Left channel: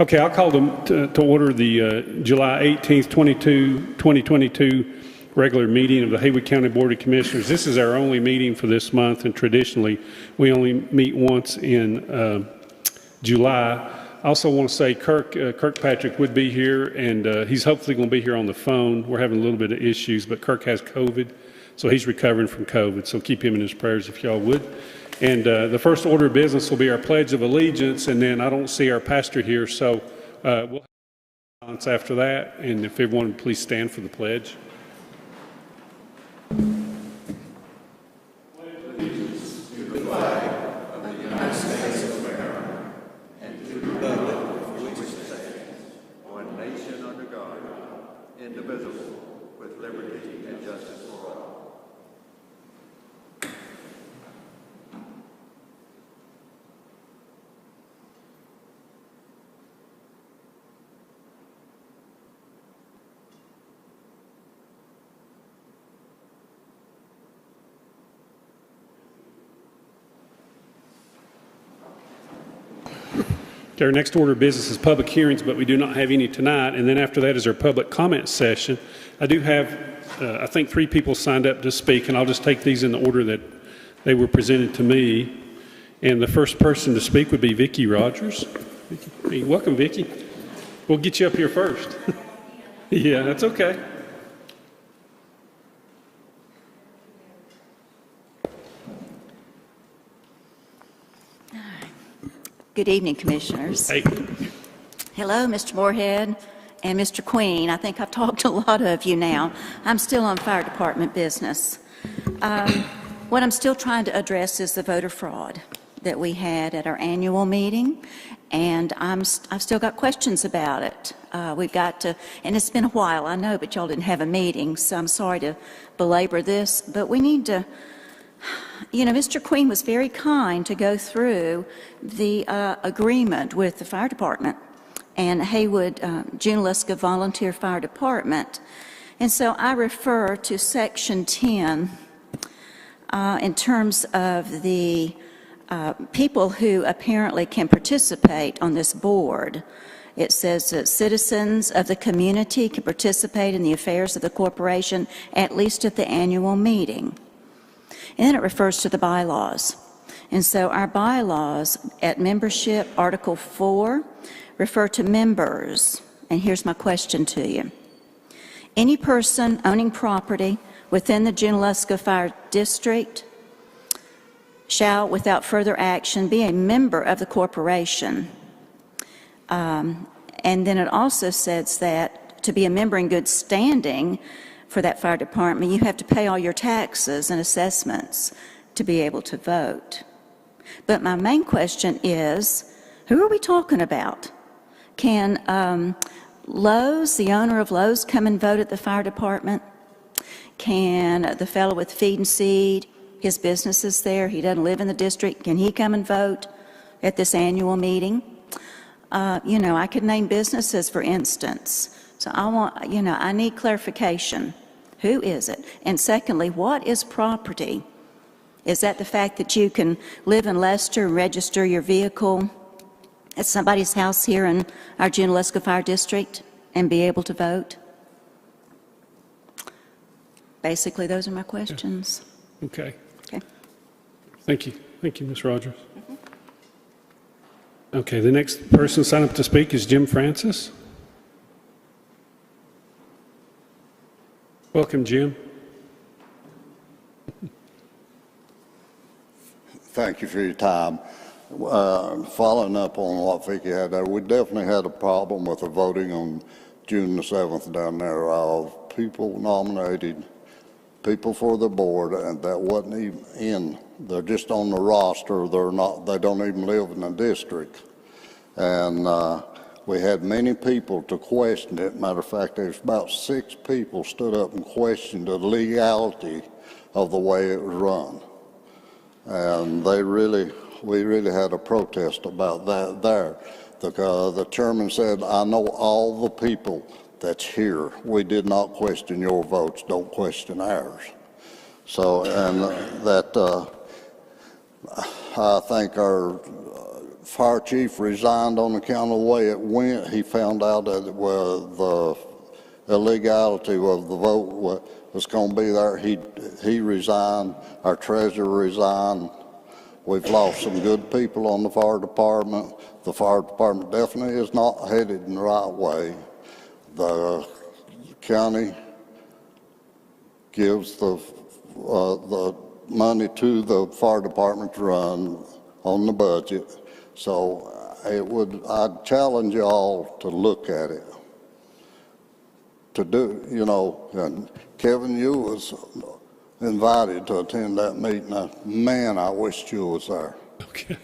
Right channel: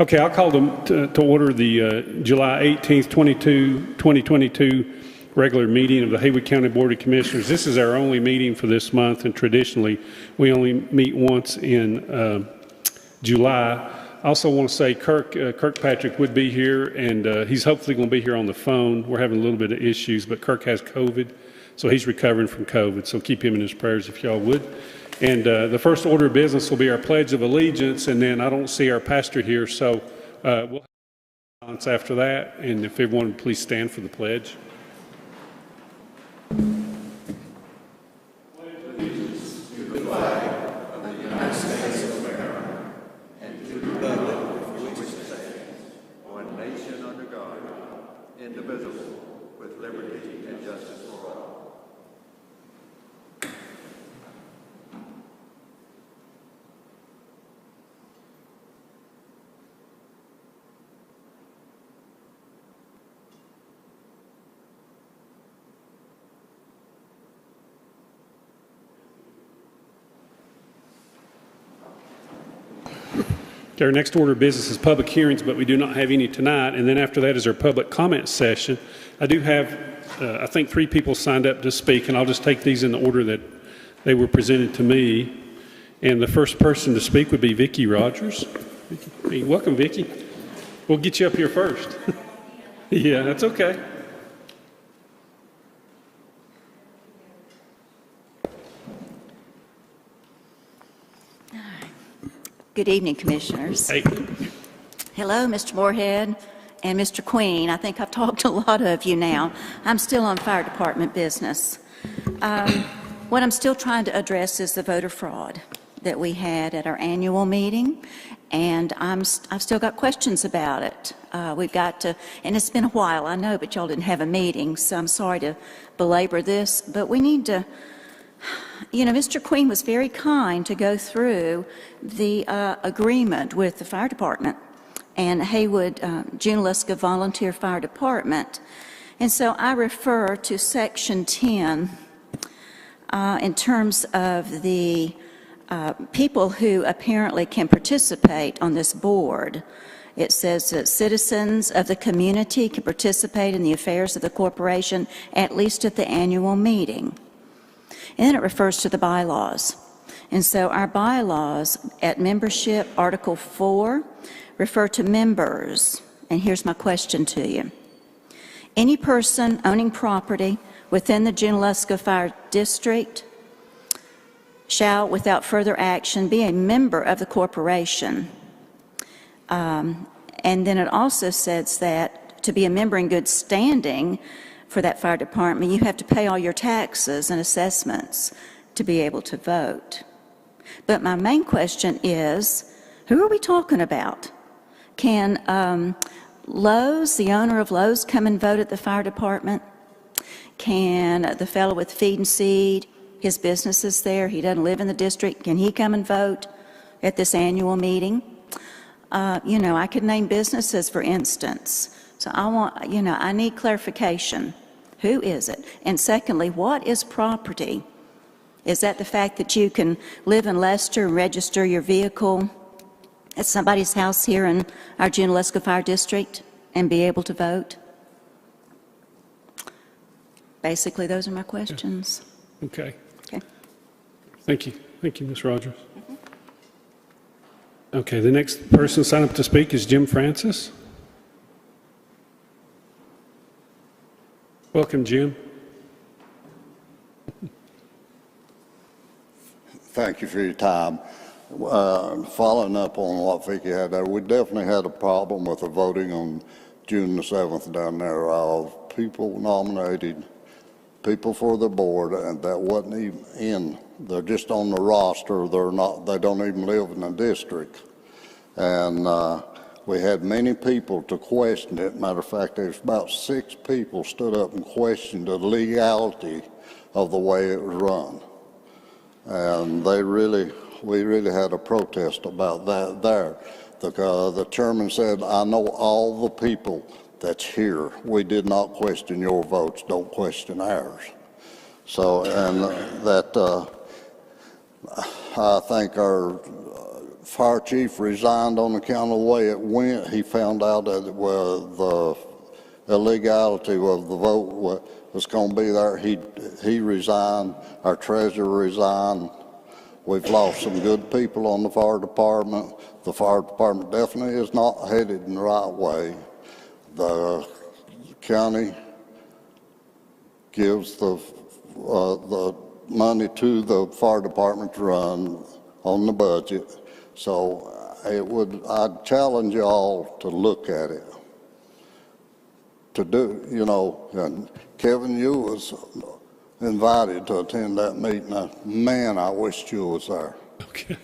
Okay, I'll call to order the July 18th, 2022 regular meeting of the Haywood County Board of Commissioners. This is our only meeting for this month, and traditionally we only meet once in July. I also want to say Kirkpatrick would be here, and he's hopefully going to be here on the phone. We're having a little bit of issues, but Kirk has COVID, so he's recovering from COVID, so keep him in his prayers if y'all would. And the first order of business will be our Pledge of Allegiance, and then I don't see our pastor here, so we'll have after that. And if everyone would please stand for the pledge. Allegiance to the flag of the United States of America and to the republic for which it stands, one nation under God, indivisible, with liberty and justice for all. Our next order of business is public hearings, but we do not have any tonight. And then after that is our public comment session. I do have, I think, 3 people signed up to speak, and I'll just take these in the order that they were presented to me. And the first person to speak would be Vicki Rogers. Hey, welcome, Vicki. We'll get you up here first. Yeah, that's okay. Good evening, Commissioners. Hey. Hello, Mr. Moorhead and Mr. Queen. I think I've talked to a lot of you now. I'm still on fire department business. What I'm still trying to address is the voter fraud that we had at our annual meeting, and I've still got questions about it. We've got to, and it's been a while, I know, but y'all didn't have a meeting, so I'm sorry to belabor this, but we need to. You know, Mr. Queen was very kind to go through the agreement with the fire department and Haywood Junaluska Volunteer Fire Department. And so I refer to Section 10 in terms of the people who apparently can participate on this board. It says that citizens of the community can participate in the affairs of the corporation at least at the annual meeting. And then it refers to the bylaws. And so our bylaws at membership, Article 4, refer to members. And here's my question to you. Any person owning property within the Junaluska Fire District shall, without further action, be a member of the corporation. And then it also says that to be a member in good standing for that fire department, you have to pay all your taxes and assessments to be able to vote. But my main question is, who are we talking about? Can Lowe's, the owner of Lowe's, come and vote at the fire department? Can the fellow with Feed and Seed, his business is there, he doesn't live in the district, can he come and vote at this annual meeting? You know, I could name businesses, for instance. So I need clarification. Who is it? And secondly, what is property? Is that the fact that you can live in Leicester and register your vehicle at somebody's house here in our Junaluska Fire District and be able to vote? Basically, those are my questions. Okay. Okay. Thank you. Thank you, Ms. Rogers. Okay, the next person signed up to speak is Jim Francis. Welcome, Jim. Thank you for your time. Following up on what Vicki had there, we definitely had a problem with the voting on June the 7th down there of people nominated, people for the board, and that wasn't even in. They're just on the roster. They don't even live in the district. And we had many people to question it. Matter of fact, there's about 6 people stood up and questioned the legality of the way it was run. And we really had a protest about that there. The chairman said, I know all the people that's here. We did not question your votes. Don't question ours. So, and that I think our fire chief resigned on account of the way it went. He found out that the illegality of the vote was going to be there. He resigned. Our treasurer resigned. We've lost some good people on the fire department. The fire department definitely is not headed in the right way. The county gives the money to the fire department to run on the budget. So I'd challenge y'all to look at it. To do, and Kevin, you was invited to attend that meeting. Man, I wished you was there. Okay.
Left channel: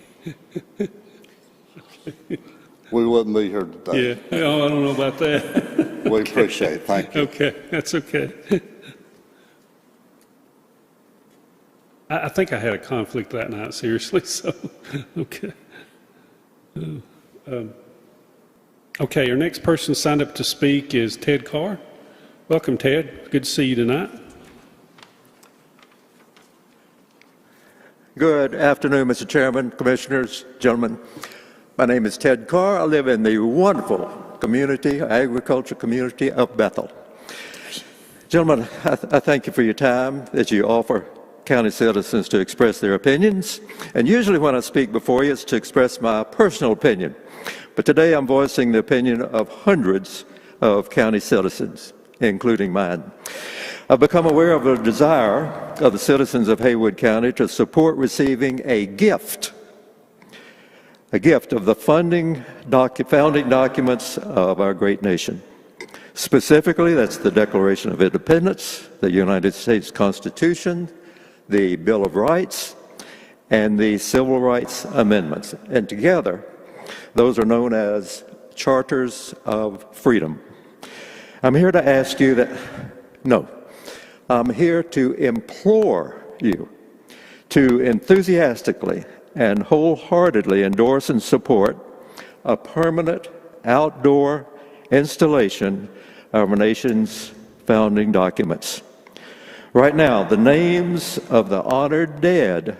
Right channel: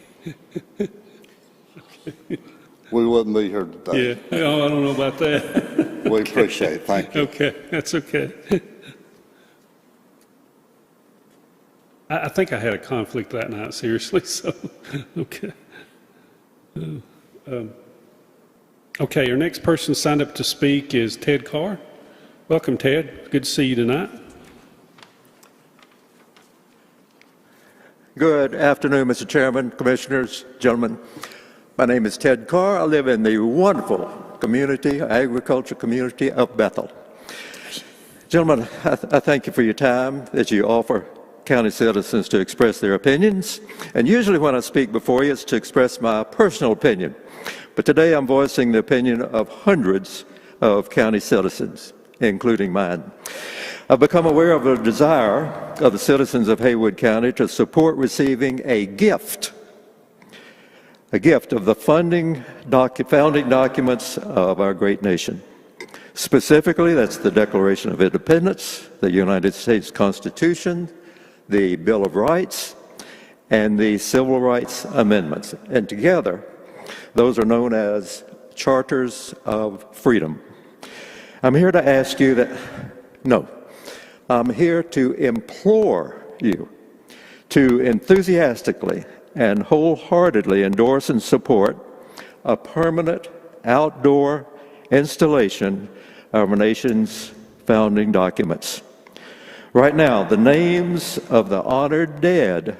We wouldn't be here today. Yeah, I don't know about that. We appreciate it. Thank you. Okay, that's okay. I think I had a conflict that night, seriously, so, okay. Okay, our next person signed up to speak is Ted Carr. Welcome, Ted. Good to see you tonight. Good afternoon, Mr. Chairman, Commissioners, gentlemen. My name is Ted Carr. I live in the wonderful community, agriculture community of Bethel. Gentlemen, I thank you for your time that you offer county citizens to express their opinions. And usually when I speak before you, it's to express my personal opinion. But today I'm voicing the opinion of hundreds of county citizens, including mine. I've become aware of the desire of the citizens of Haywood County to support receiving a gift of the founding documents of our great nation. Specifically, that's the Declaration of Independence, the United States Constitution, the Bill of Rights, and the Civil Rights Amendments. And together, those are known as Charters of Freedom. I'm here to ask you I'm here to implore you to enthusiastically and wholeheartedly endorse and support a permanent outdoor installation of our nation's founding documents. Right now, the names of the honored dead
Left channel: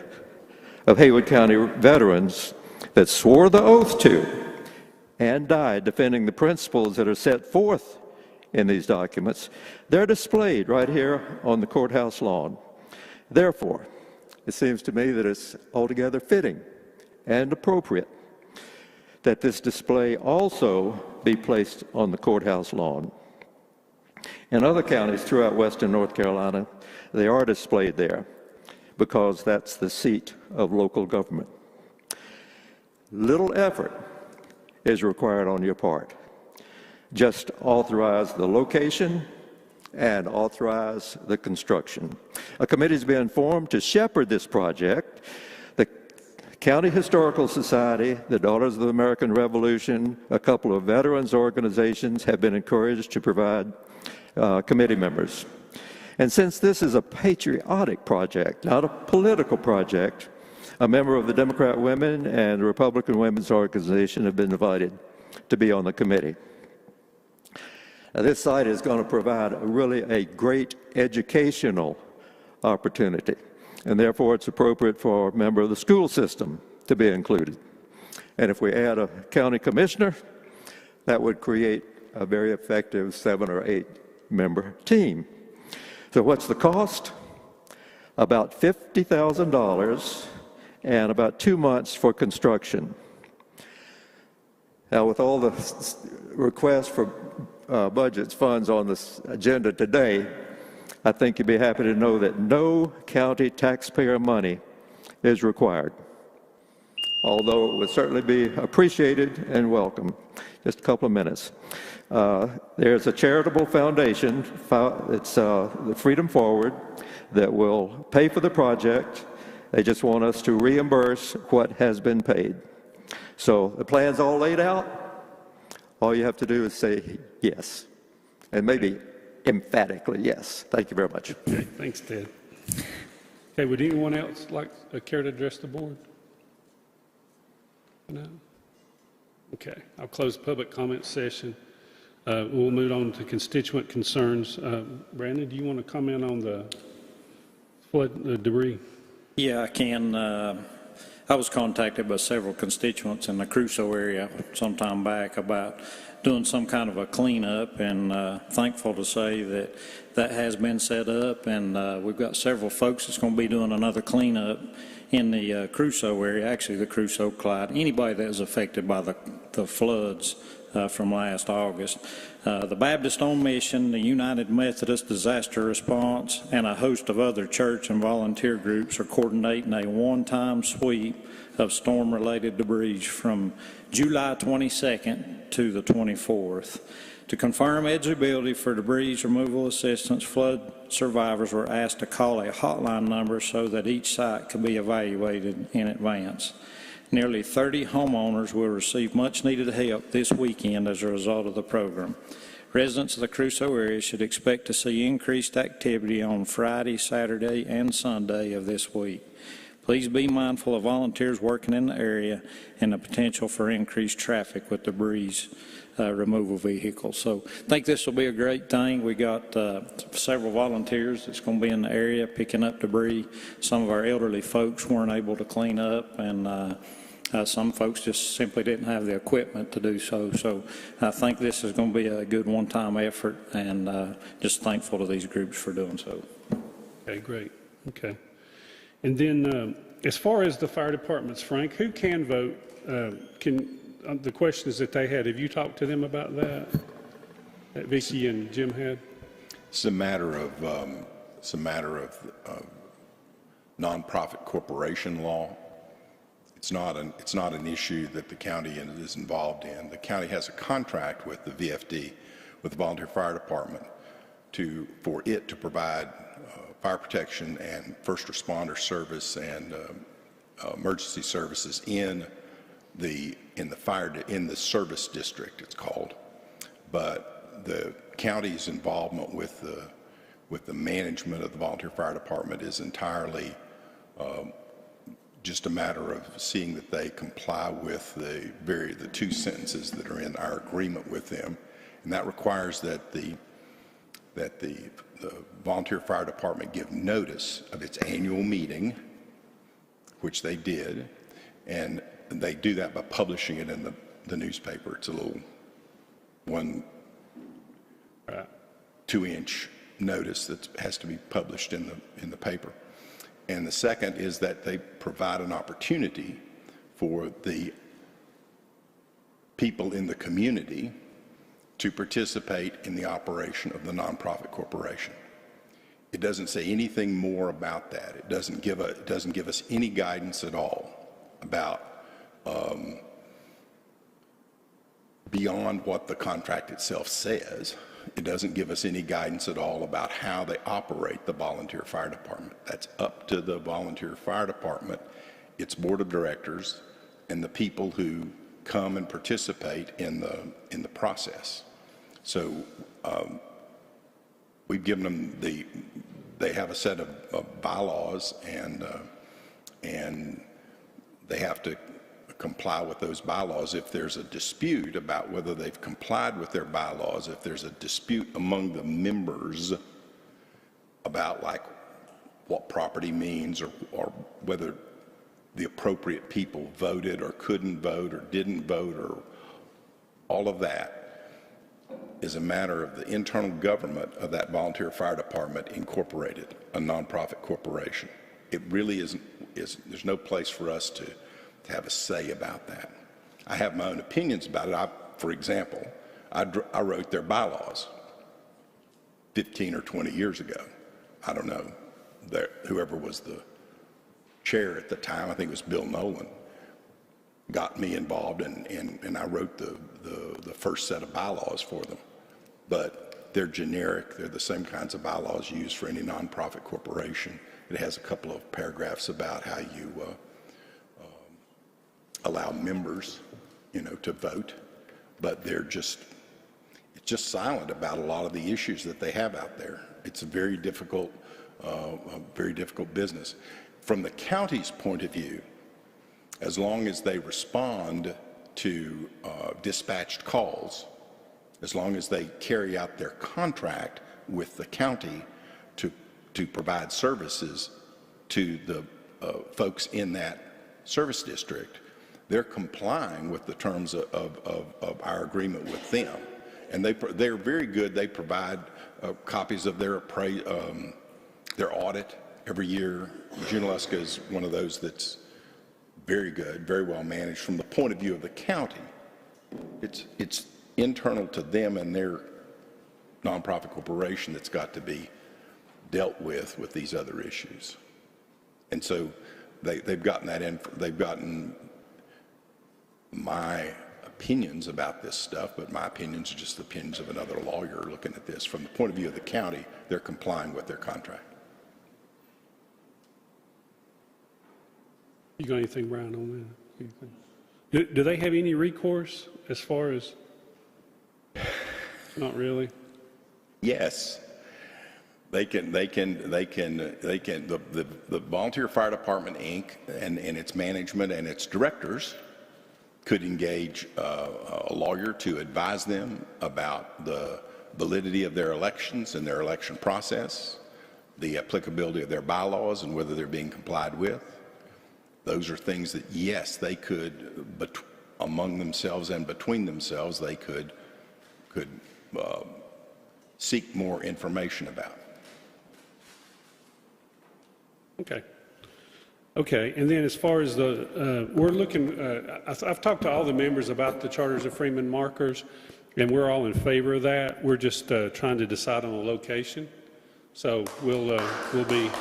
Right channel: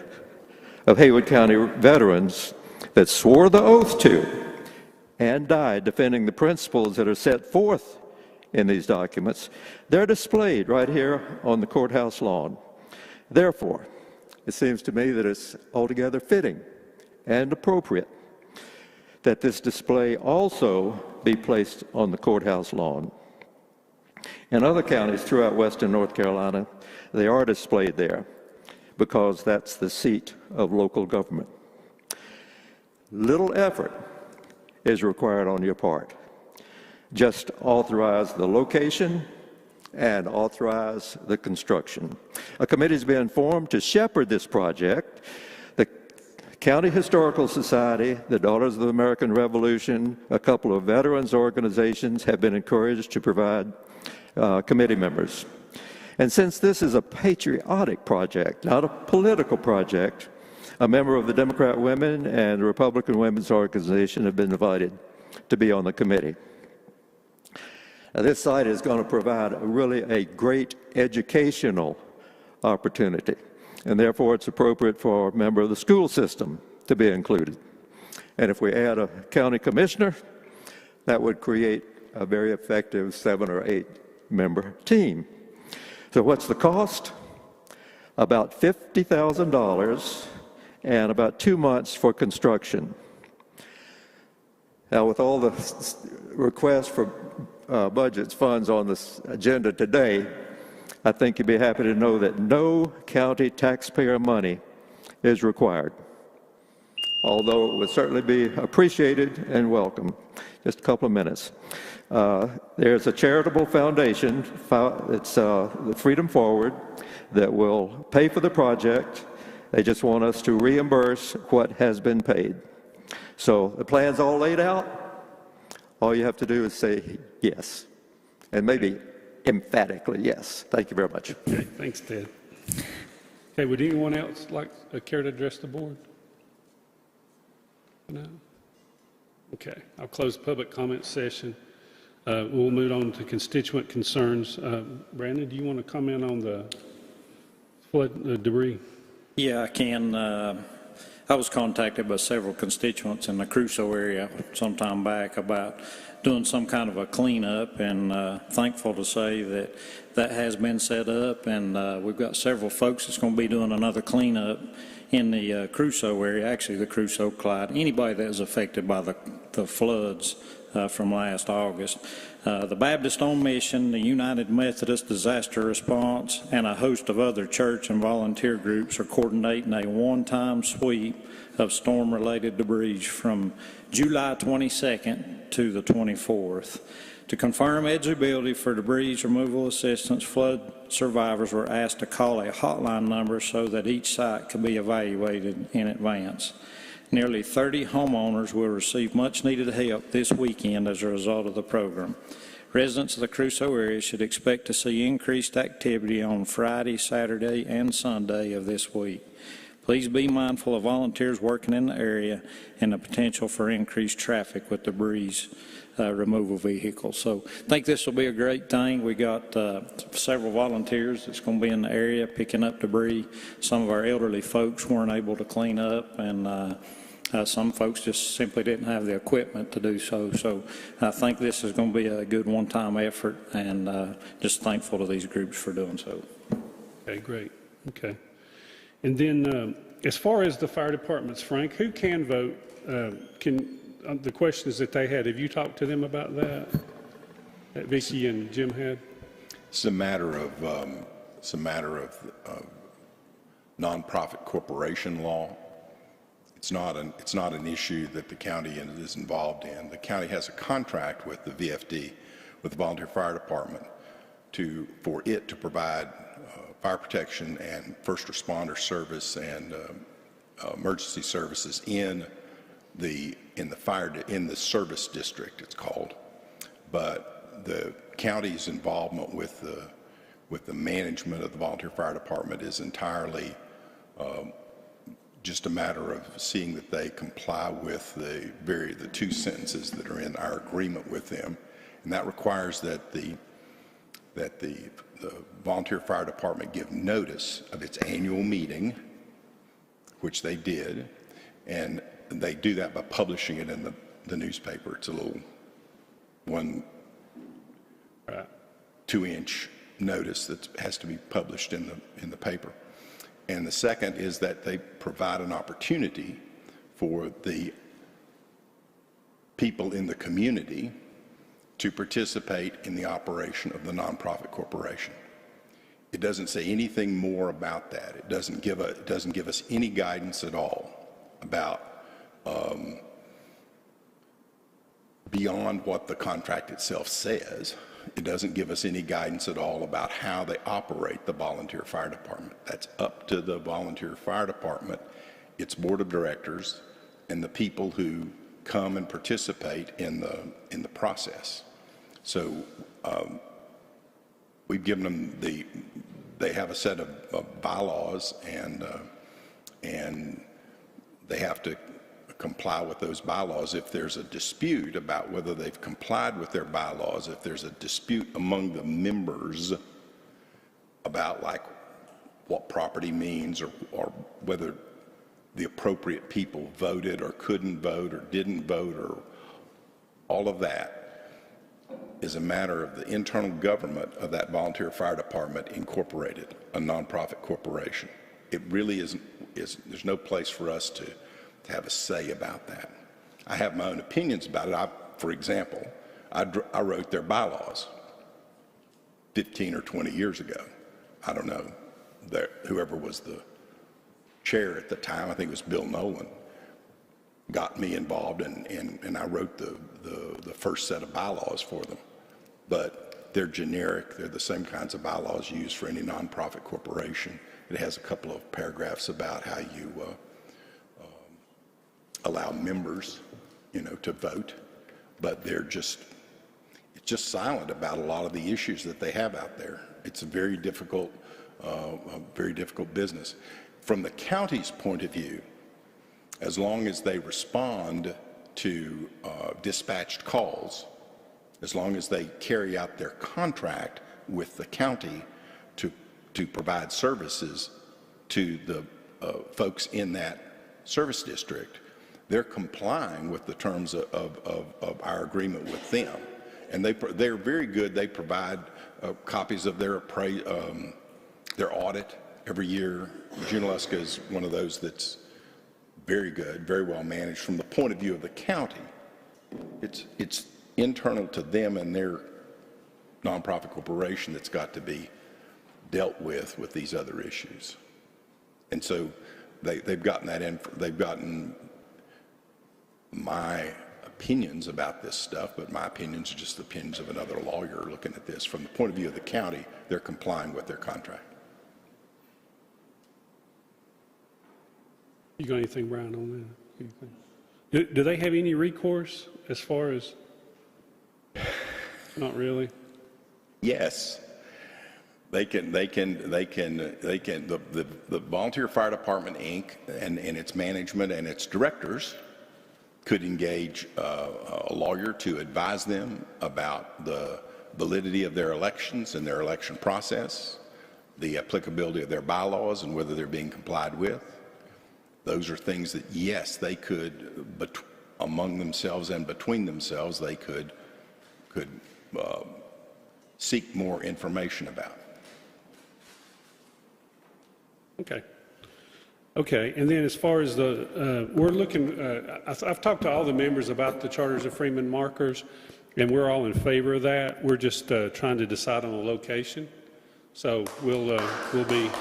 of Haywood County veterans that swore the oath to and died defending the principles that are set forth in these documents, they're displayed right here on the courthouse lawn. Therefore, it seems to me that it's altogether fitting and appropriate that this display also be placed on the courthouse lawn. In other counties throughout western North Carolina, they are displayed there because that's the seat of local government. Little effort is required on your part. Just authorize the location and authorize the construction. A committee has been formed to shepherd this project. The County Historical Society, the Daughters of the American Revolution, a couple of veterans organizations have been encouraged to provide committee members. And since this is a patriotic project, not a political project, a member of the Democrat Women and the Republican Women's Organization have been invited to be on the committee. Now, this site is going to provide really a great educational opportunity, and therefore it's appropriate for a member of the school system to be included. And if we add a county commissioner, that would create a very effective 7 or 8 member team. So what's the cost? About $50,000 and about 2 months for construction. Now, with all the requests for budgets, funds on this agenda today, I think you'd be happy to know that no county taxpayer money is required, although it would certainly be appreciated and welcome. Just a couple of minutes. There's a charitable foundation, it's the Freedom Forward, that will pay for the project. They just want us to reimburse what has been paid. So the plan's all laid out. All you have to do is say yes, and maybe emphatically yes. Thank you very much. Okay, thanks, Ted. Okay, would anyone else care to address the board? No? Okay, I'll close the public comment session. We'll move on to constituent concerns. Brandon, do you want to comment on the flood debris? Yeah, I can. I was contacted by several constituents in the Crusoe area some time back about doing some kind of a cleanup, and thankful to say that that has been set up, and we've got several folks that's going to be doing another cleanup in the Crusoe area, actually the Crusoe Clyde, anybody that was affected by the floods from last August. The Baptist on Mission, the United Methodist Disaster Response, and a host of other church and volunteer groups are coordinating a one-time sweep of storm-related debris from July 22nd to the 24th. To confirm eligibility for debris removal assistance, flood survivors were asked to call a hotline number so that each site could be evaluated in advance. Nearly 30 homeowners will receive much-needed help this weekend as a result of the program. Residents of the Crusoe area should expect to see increased activity on Friday, Saturday, and Sunday of this week. Please be mindful of volunteers working in the area and the potential for increased traffic with debris removal vehicles. So I think this will be a great thing. We got several volunteers that's going to be in the area picking up debris. Some of our elderly folks weren't able to clean up, and some folks just simply didn't have the equipment to do so. So I think this is going to be a good one-time effort, and just thankful to these groups for doing so. Okay, great. Okay. And then as far as the fire departments, Frank, who can vote? The questions that they had, have you talked to them about that Vicky and Jim had? It's a matter of nonprofit corporation law. It's not an issue that the county is involved in. The county has a contract with the VFD, with the Volunteer Fire Department, for it to provide fire protection and first responder service and emergency services in the service district, it's called. But the county's involvement with the management of the Volunteer Fire Department is entirely just a matter of seeing that they comply with the two sentences that are in our agreement with them, and that requires that the Volunteer Fire Department give notice of its annual meeting, which they did, and they do that by publishing it in the newspaper. It's a little 2-inch notice that has to be published in the paper. And the second is that they provide an opportunity for the people in the community to participate in the operation of the nonprofit corporation. It doesn't say anything more about that. It doesn't give us any guidance at all about beyond what the contract itself says. It doesn't give us any guidance at all about how they operate the Volunteer Fire Department. That's up to the Volunteer Fire Department, its board of directors, and the people who come and participate in the process. So we've given them they have a set of bylaws, and they have to comply with those bylaws. If there's a dispute about whether they've complied with their bylaws, if there's a dispute among the members about like what property means, or whether the appropriate people voted or couldn't vote or didn't vote, or all of that is a matter of the internal government of that Volunteer Fire Department Incorporated, a nonprofit corporation. It really there's no place for us to have a say about that. I have my own opinions about it. For example, I wrote their bylaws 15 or 20 years ago. I don't know, whoever was the chair at the time, I think it was Bill Nolan, got me involved, and I wrote the first set of bylaws for them. But they're generic. They're the same kinds of bylaws used for any nonprofit corporation. It has a couple of paragraphs about how you allow members, to vote, but it's just silent about a lot of the issues that they have out there. It's a very difficult business. From the county's point of view, as long as they respond to dispatched calls, as long as they carry out their contract with the county to provide services to the folks in that service district, they're complying with the terms of our agreement with them. And they're very good. They provide copies of their audit every year. Junaluska is one of those that's very good, very well managed from the point of view of the county. It's internal to them and their nonprofit corporation that's got to be dealt with these other issues. And so they've gotten that in. They've gotten my opinions about this stuff, but my opinions are just the opinions of another lawyer looking at this. From the point of view of the county, they're complying with their contract. You got anything, Brian, on that? Do they have any recourse as far as? Not really. Yes, they can. The Volunteer Fire Department, Inc. and its management and its directors could engage a lawyer to advise them about the validity of their elections and their election process, the applicability of their bylaws and whether they're being complied with. Those are things that, yes, they could, among themselves and between themselves, they could seek more information about. Okay, and then as far as we're looking, I've talked to all the members about the Charters of Freeman markers, and we're all in favor of that. We're just trying to decide on a location. So we'll be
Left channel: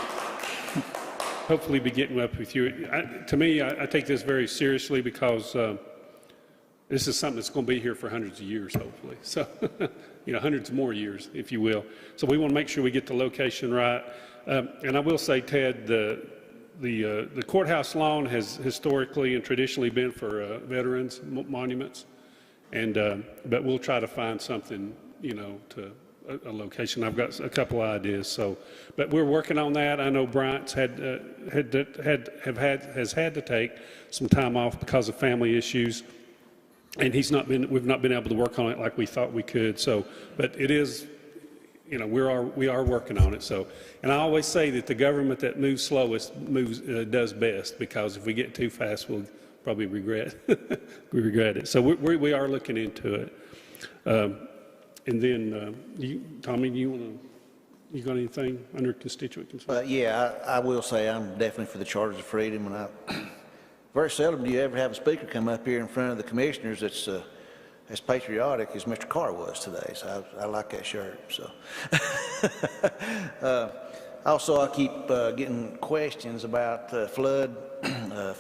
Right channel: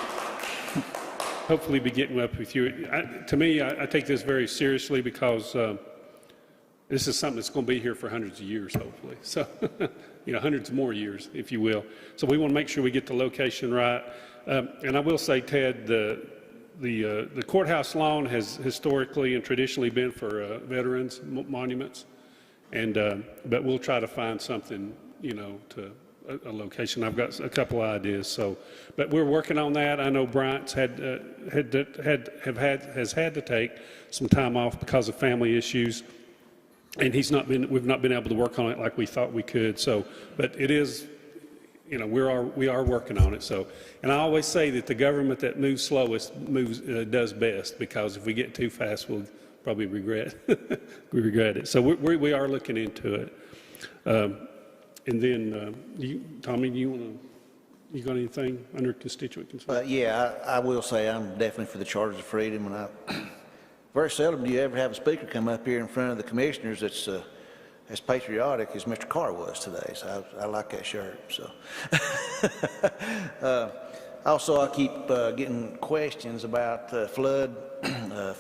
hopefully be getting up with you. To me, I take this very seriously because this is something that's going to be here for hundreds of years, hopefully. So, hundreds more years, if you will. So we want to make sure we get the location right. And I will say, Ted, the courthouse lawn has historically and traditionally been for veterans monuments, and but we'll try to find something, to a location. I've got a couple of ideas. So, but we're working on that. I know Bryant's has had to take some time off because of family issues, and we've not been able to work on it like we thought we could. So, but it is, we are working on it. So, and I always say that the government that moves slowest does best, because if we get too fast, we'll probably regret it. So we are looking into it. And then, Tommy, you got anything under constituent concerns? Yeah, I will say I'm definitely for the Charters of Freedom, and very seldom do you ever have a speaker come up here in front of the commissioners that's as patriotic as Mr. Carr was today. So I like that shirt. So also, I keep getting questions about flood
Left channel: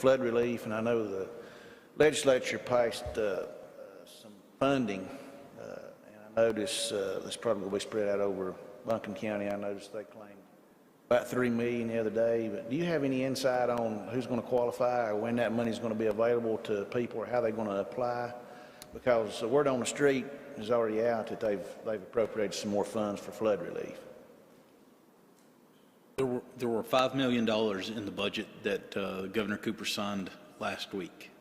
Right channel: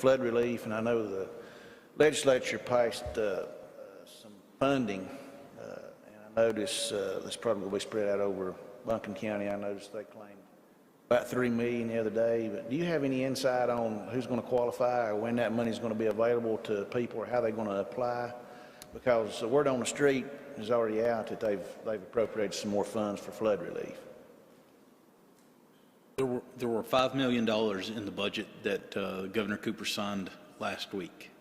relief, and I know the legislature passed some funding. I noticed this probably will be spread out over Buncombe County. I noticed they claimed about $3 million the other day. But do you have any insight on who's going to qualify, or when that money is going to be available to people, or how they're going to apply? Because the word on the street is already out that they've appropriated some more funds for flood relief. There were $5 million in the budget that Governor Cooper signed last week.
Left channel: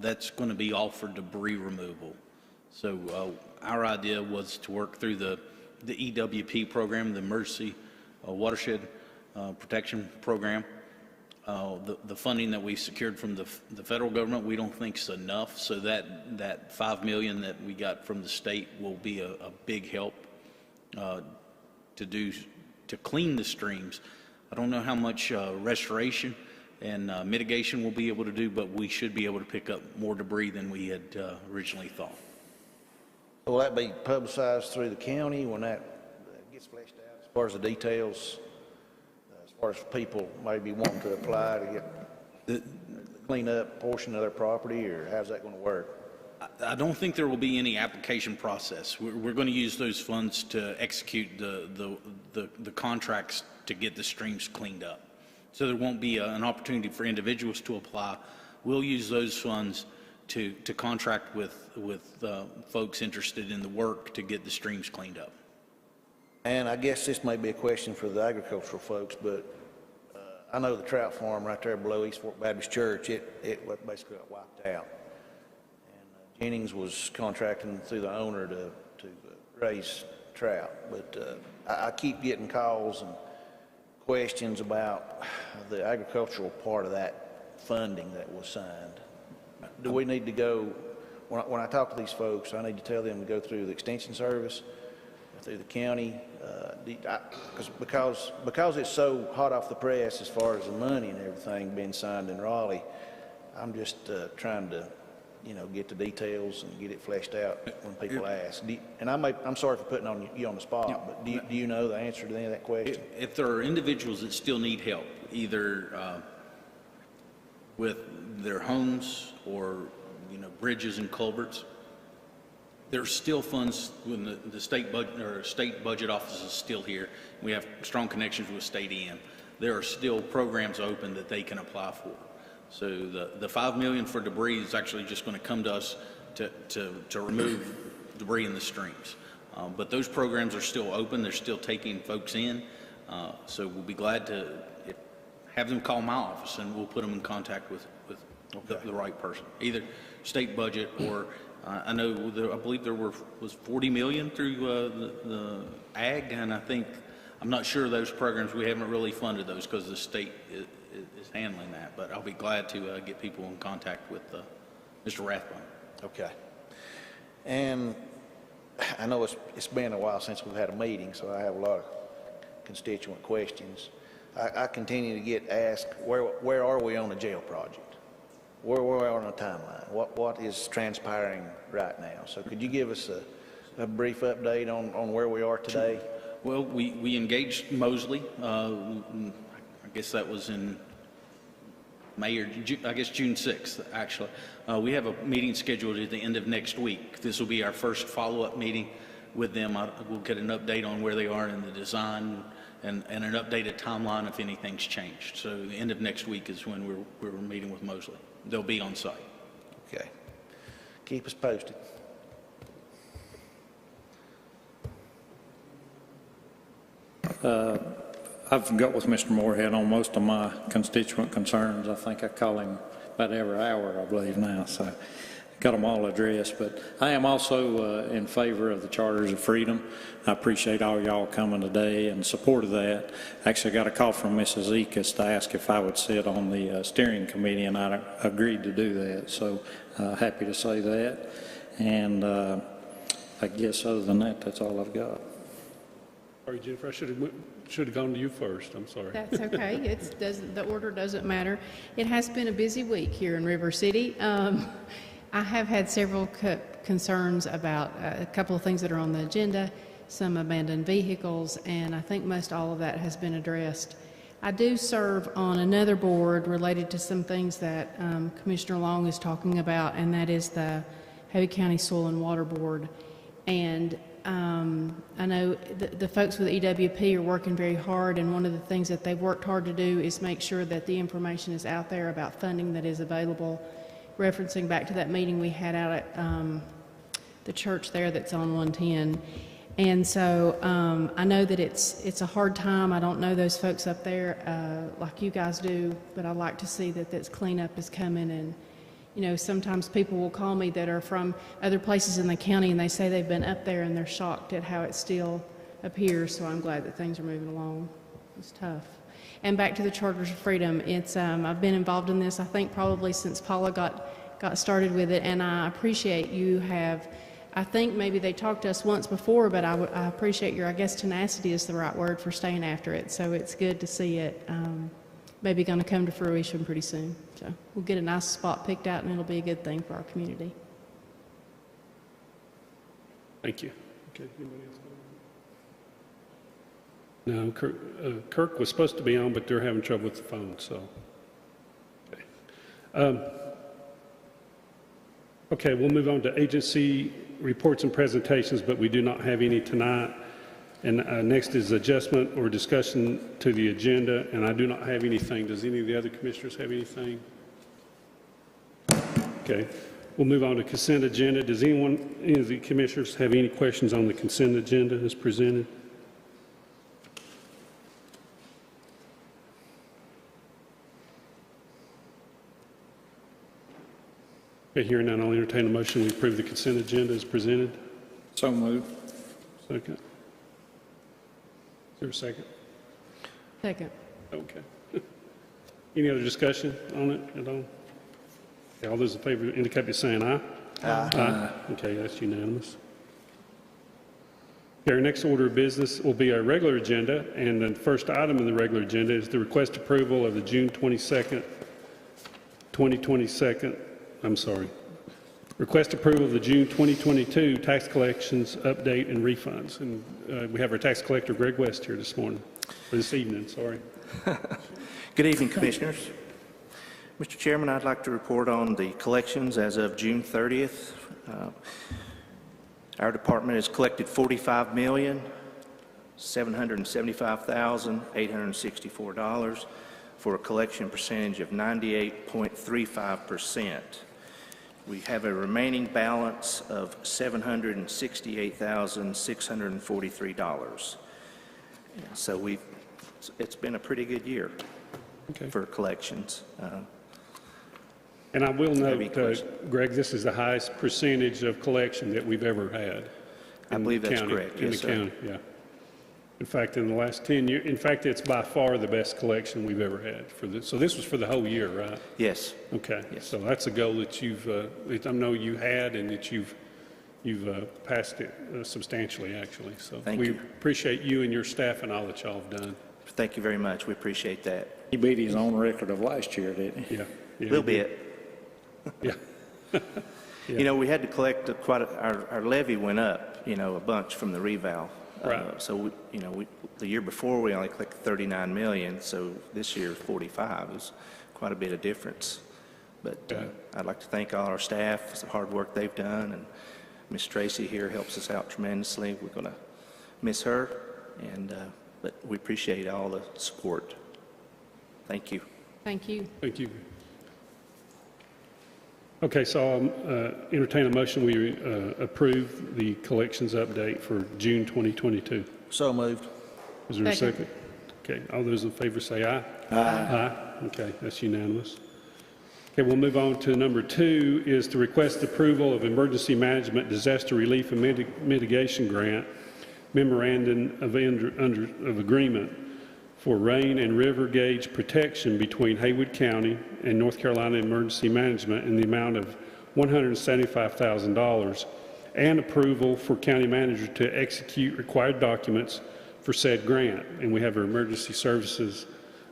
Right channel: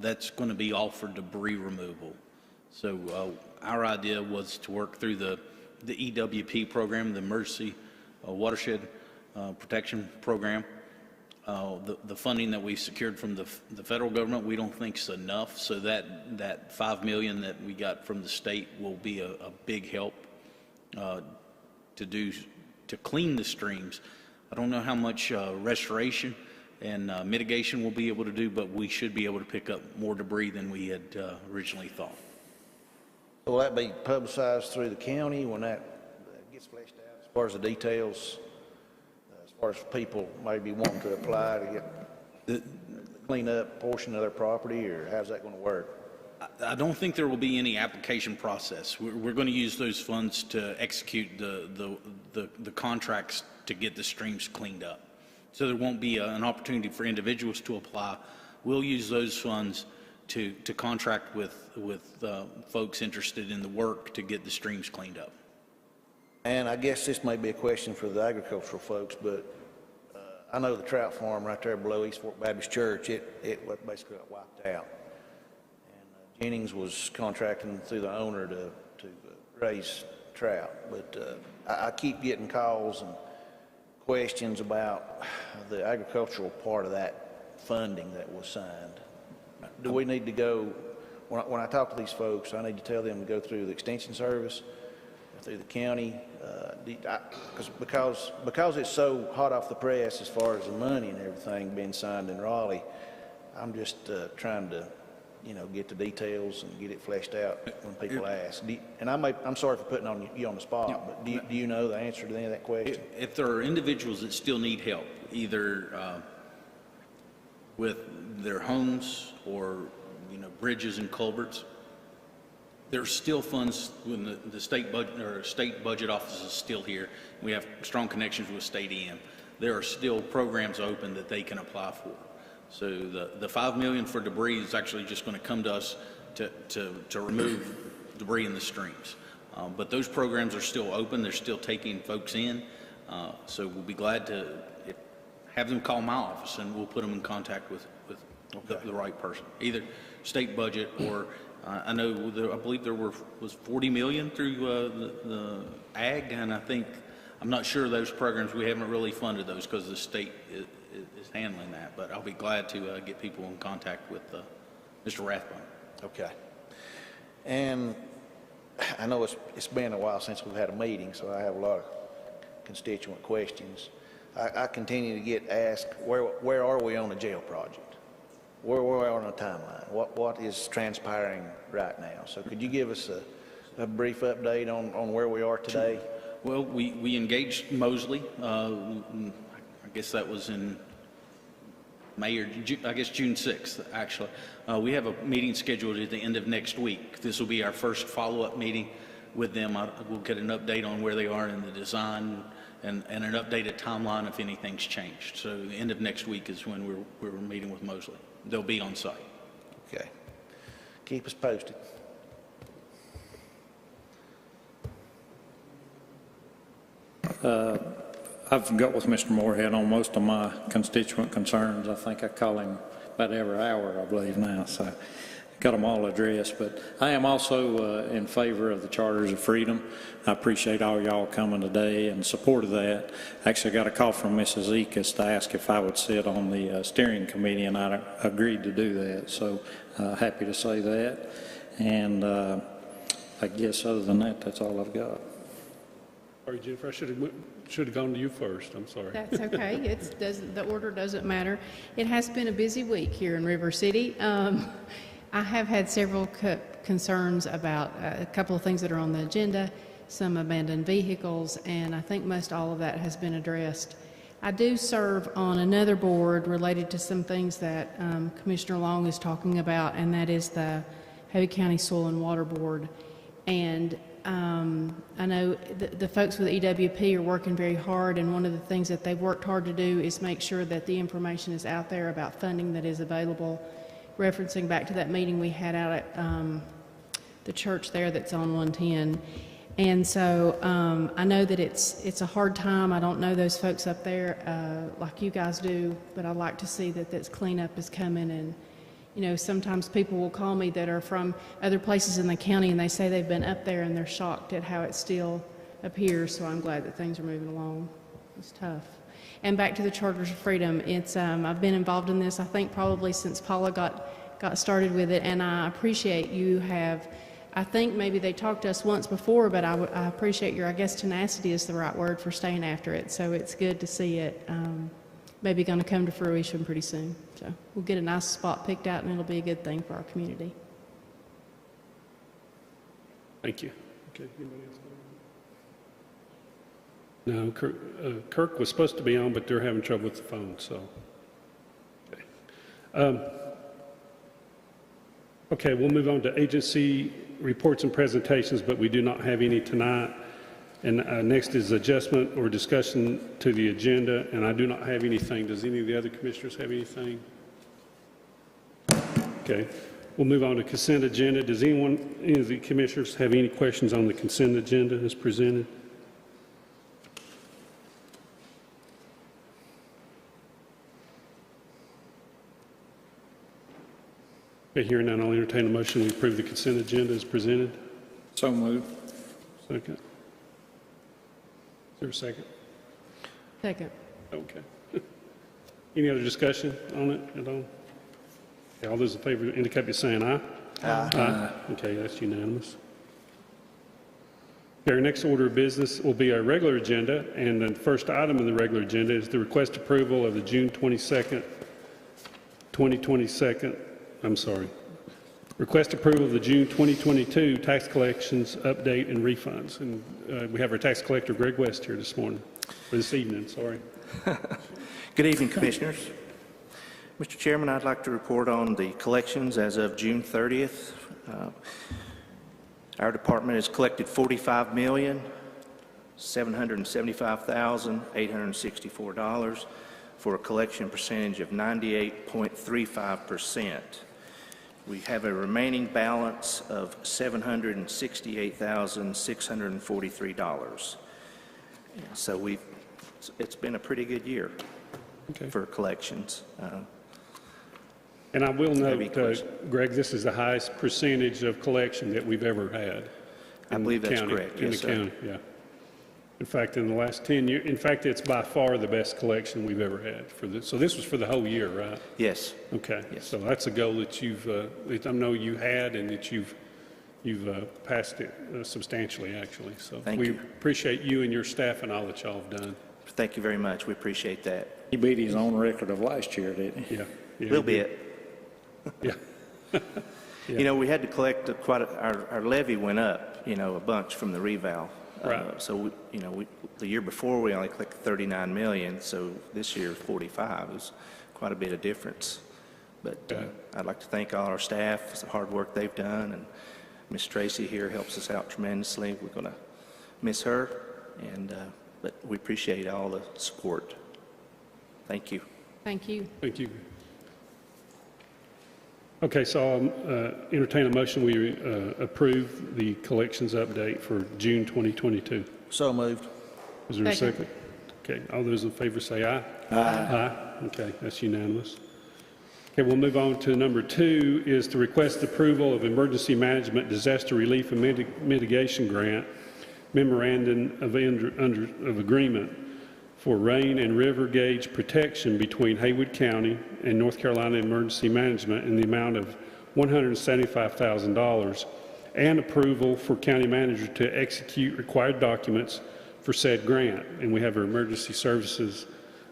That's going to be all for debris removal. So our idea was to work through the EWP program, the Emergency Watershed Protection Program. The funding that we secured from the federal government, we don't think is enough. So that $5 million that we got from the state will be a big help to clean the streams. I don't know how much restoration and mitigation we'll be able to do, but we should be able to pick up more debris than we had originally thought. Will that be publicized through the county when that gets fleshed out, as far as the details, as far as people maybe wanting to apply to get clean up a portion of their property, or how's that going to work? I don't think there will be any application process. We're going to use those funds to execute the contracts to get the streams cleaned up. So there won't be an opportunity for individuals to apply. We'll use those funds to contract with folks interested in the work to get the streams cleaned up. And I guess this may be a question for the agricultural folks, but I know the trout farm right there below East Fork Baptist Church, it basically got wiped out. And Jennings was contracting through the owner to raise trout. But I keep getting calls and questions about the agricultural part of that funding that was signed. Do we need to go, when I talk to these folks, I need to tell them to go through the Extension Service, through the county, because it's so hot off the press as far as the money and everything being signed in Raleigh, I'm just trying to, get the details and get it fleshed out when people ask. I'm sorry for putting you on the spot, but do you know the answer to any of that question? If there are individuals that still need help, either with their homes or bridges and culverts, there's still funds when the state budget or state budget office is still here. We have strong connections with state EM. There are still programs open that they can apply for. So the $5 million for debris is actually just going to come to us to remove debris in the streams. But those programs are still open. They're still taking folks in. So we'll be glad to have them call my office, and we'll put them in contact with the right person, either state budget or I believe there was $40 million through the ag, and I'm not sure those programs, we haven't really funded those because the state is handling that, but I'll be glad to get people in contact with Mr. Rathbone. Okay. And I know it's been a while since we've had a meeting, so I have a lot of constituent questions. I continue to get asked, where are we on the jail project? Where we are on the timeline? What is transpiring right now? So could you give us a brief update on where we are today? Well, we engaged Mosley. I guess that was in May or June 6th, actually. We have a meeting scheduled at the end of next week. This will be our first follow-up meeting with them. We'll get an update on where they are in the design and an updated timeline if anything's changed. So the end of next week is when we're meeting with Mosley. They'll be on site. Okay. Keep us posted. I've got with Mr. Moorhead on most of my constituent concerns. I think I call him about every hour, I believe now, so got them all addressed. But I am also in favor of the Charters of Freedom. I appreciate all y'all coming today in support of that. Actually got a call from Mrs. Ekus to ask if I would sit on the steering committee, and I agreed to do that, so happy to say that. And I guess other than that, that's all I've got. Sorry, Jennifer, I should have gone to you first. I'm sorry. That's okay. The order doesn't matter. It has been a busy week here in River City. I have had several concerns about a couple of things that are on the agenda, some abandoned vehicles, and I think most all of that has been addressed. I do serve on another board related to some things that Commissioner Long is talking about, and that is the Haywood County Soil and Water Board. And I know the folks with EWP are working very hard, and one of the things that they've worked hard to do is make sure that the information is out there about funding that is available, referencing back to that meeting we had out at the church there that's on 110. And so I know that it's a hard time. I don't know those folks up there like you guys do, but I like to see that this cleanup is coming. And sometimes people will call me that are from other places in the county, and they say they've been up there and they're shocked at how it still appears. So I'm glad that things are moving along. It's tough. And back to the Charters of Freedom, it's I've been involved in this, I think, probably since Paula got started with it, and I appreciate you have. I think maybe they talked to us once before, but I appreciate your, I guess tenacity is the right word for staying after it. So it's good to see it maybe going to come to fruition pretty soon. So we'll get a nice spot picked out, and it'll be a good thing for our community. Thank you. Okay, anybody else? No, Kirk was supposed to be on, but they're having trouble with the phone, so. Okay, we'll move on to agency reports and presentations, but we do not have any tonight. And next is adjustment or discussion to the agenda, and I do not have anything. Does any of the other commissioners have anything? Okay, we'll move on to consent agenda. Does any of the commissioners have any questions on the consent agenda as presented? Okay, hearing none, I'll entertain a motion to approve the consent agenda as presented. So moved. Second. Is there a second? Second. Okay. Any other discussion on it at all? Okay, all those in favor indicate by saying aye. Aye. Okay, that's unanimous. Okay, our next order of business will be our regular agenda, and the first item in the regular agenda is the request approval of the June 22nd, 2022, request approval of the June 2022 tax collections update and refunds. And we have our tax collector, Greg West, here this morning, or this evening, sorry. Good evening, Commissioners. Mr. Chairman, I'd like to report on the collections as of June 30th. Our department has collected $45,775,864 for a collection percentage of 98.35%. We have a remaining balance of $768,643. So it's been a pretty good year for collections. And I will note, Greg, this is the highest percentage of collection that we've ever had. I believe that's correct. In the county, yeah. In fact, in the last 10 years, in fact, it's by far the best collection we've ever had. So this was for the whole year, right? Yes. Okay. Yes. So that's a goal that I know you had, and that you've passed it substantially, actually. So we appreciate you and your staff and all that y'all have done. Thank you very much. We appreciate that. He beat his own record of last year, didn't he? Yeah. A little bit. Yeah. You know, we had to collect our levy went up, a bunch from the reval. Right. So, the year before we only collected 39 million, so this year 45 is quite a bit of difference. But I'd like to thank all our staff for the hard work they've done, and Miss Tracy here helps us out tremendously. We're going to miss her, but we appreciate all the support. Thank you. Thank you. Thank you. Okay, so I'll entertain a motion. We approve the collections update for June 2022. So moved. Is there a second? Okay, all those in favor say aye. Aye. Okay, that's unanimous. Okay, we'll move on to number 2 is to request approval of Emergency Management Disaster Relief and Mitigation Grant Memorandum of Agreement for rain and river gauge protection between Haywood County and North Carolina Emergency Management in the amount of $175,000, and approval for county manager to execute required documents for said grant. And we have our Emergency Services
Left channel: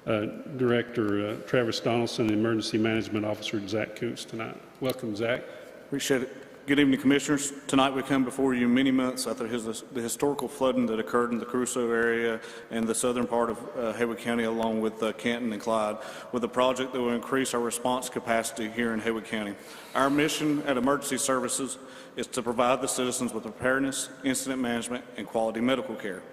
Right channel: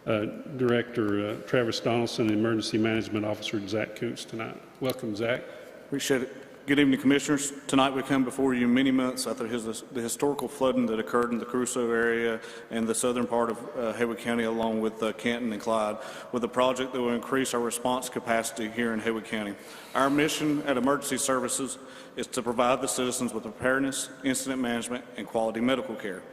Director, Travis Donaldson, and Emergency Management Officer, Zach Coots, tonight. Welcome, Zach. Appreciate it. Good evening, Commissioners. Tonight we come before you many months after the historical flooding that occurred in the Crusoe area and the southern part of Haywood County, along with Canton and Clyde, with a project that will increase our response capacity here in Haywood County. Our mission at Emergency Services is to provide the citizens with preparedness, incident management, and quality medical care.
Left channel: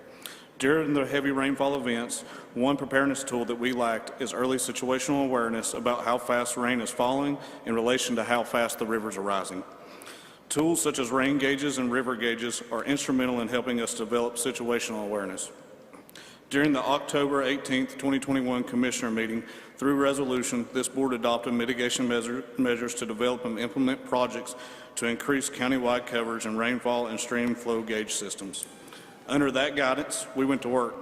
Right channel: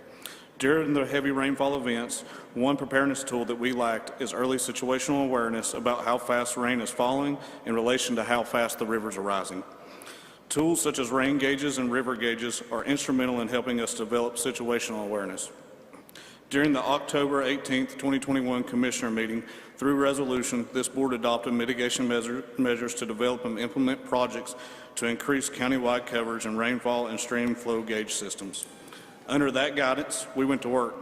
During the heavy rainfall events, one preparedness tool that we lacked is early situational awareness about how fast rain is falling in relation to how fast the rivers are rising. Tools such as rain gauges and river gauges are instrumental in helping us develop situational awareness. During the October 18, 2021 Commissioner meeting, through resolution, this board adopted mitigation measures to develop and implement projects to increase countywide coverage and rainfall and stream flow gauge systems. Under that guidance, we went to work.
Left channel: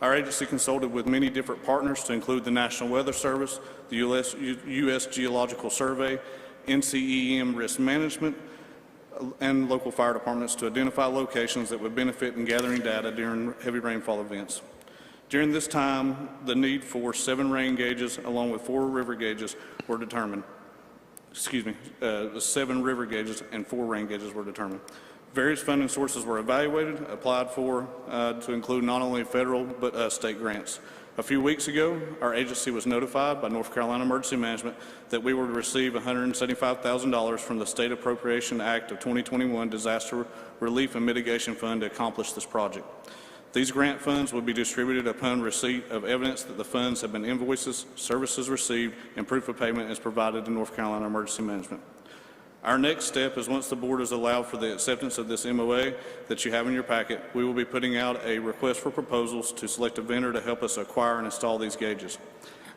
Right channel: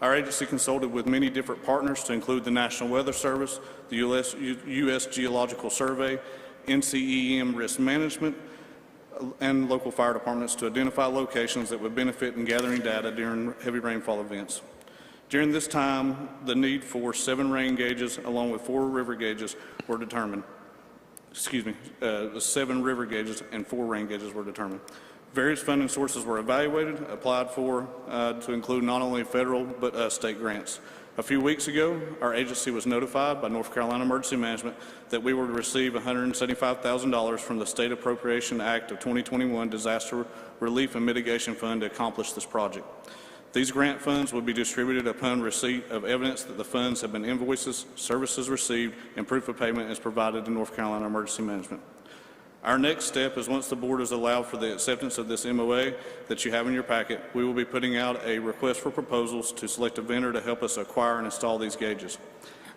Our agency consulted with many different partners to include the National Weather Service, the U.S. Geological Survey, NCEM Risk Management, and local fire departments to identify locations that would benefit in gathering data during heavy rainfall events. During this time, the need for 7 rain gauges along with 4 river gauges were determined. 7 river gauges and 4 rain gauges were determined. Various funding sources were evaluated, applied for to include not only federal but state grants. A few weeks ago, our agency was notified by North Carolina Emergency Management that we would receive $175,000 from the State Appropriation Act of 2021 Disaster Relief and Mitigation Fund to accomplish this project. These grant funds will be distributed upon receipt of evidence that the funds have been invoices, services received, and proof of payment is provided to North Carolina Emergency Management. Our next step is, once the board has allowed for the acceptance of this MOA that you have in your packet, we will be putting out a request for proposals to select a vendor to help us acquire and install these gauges.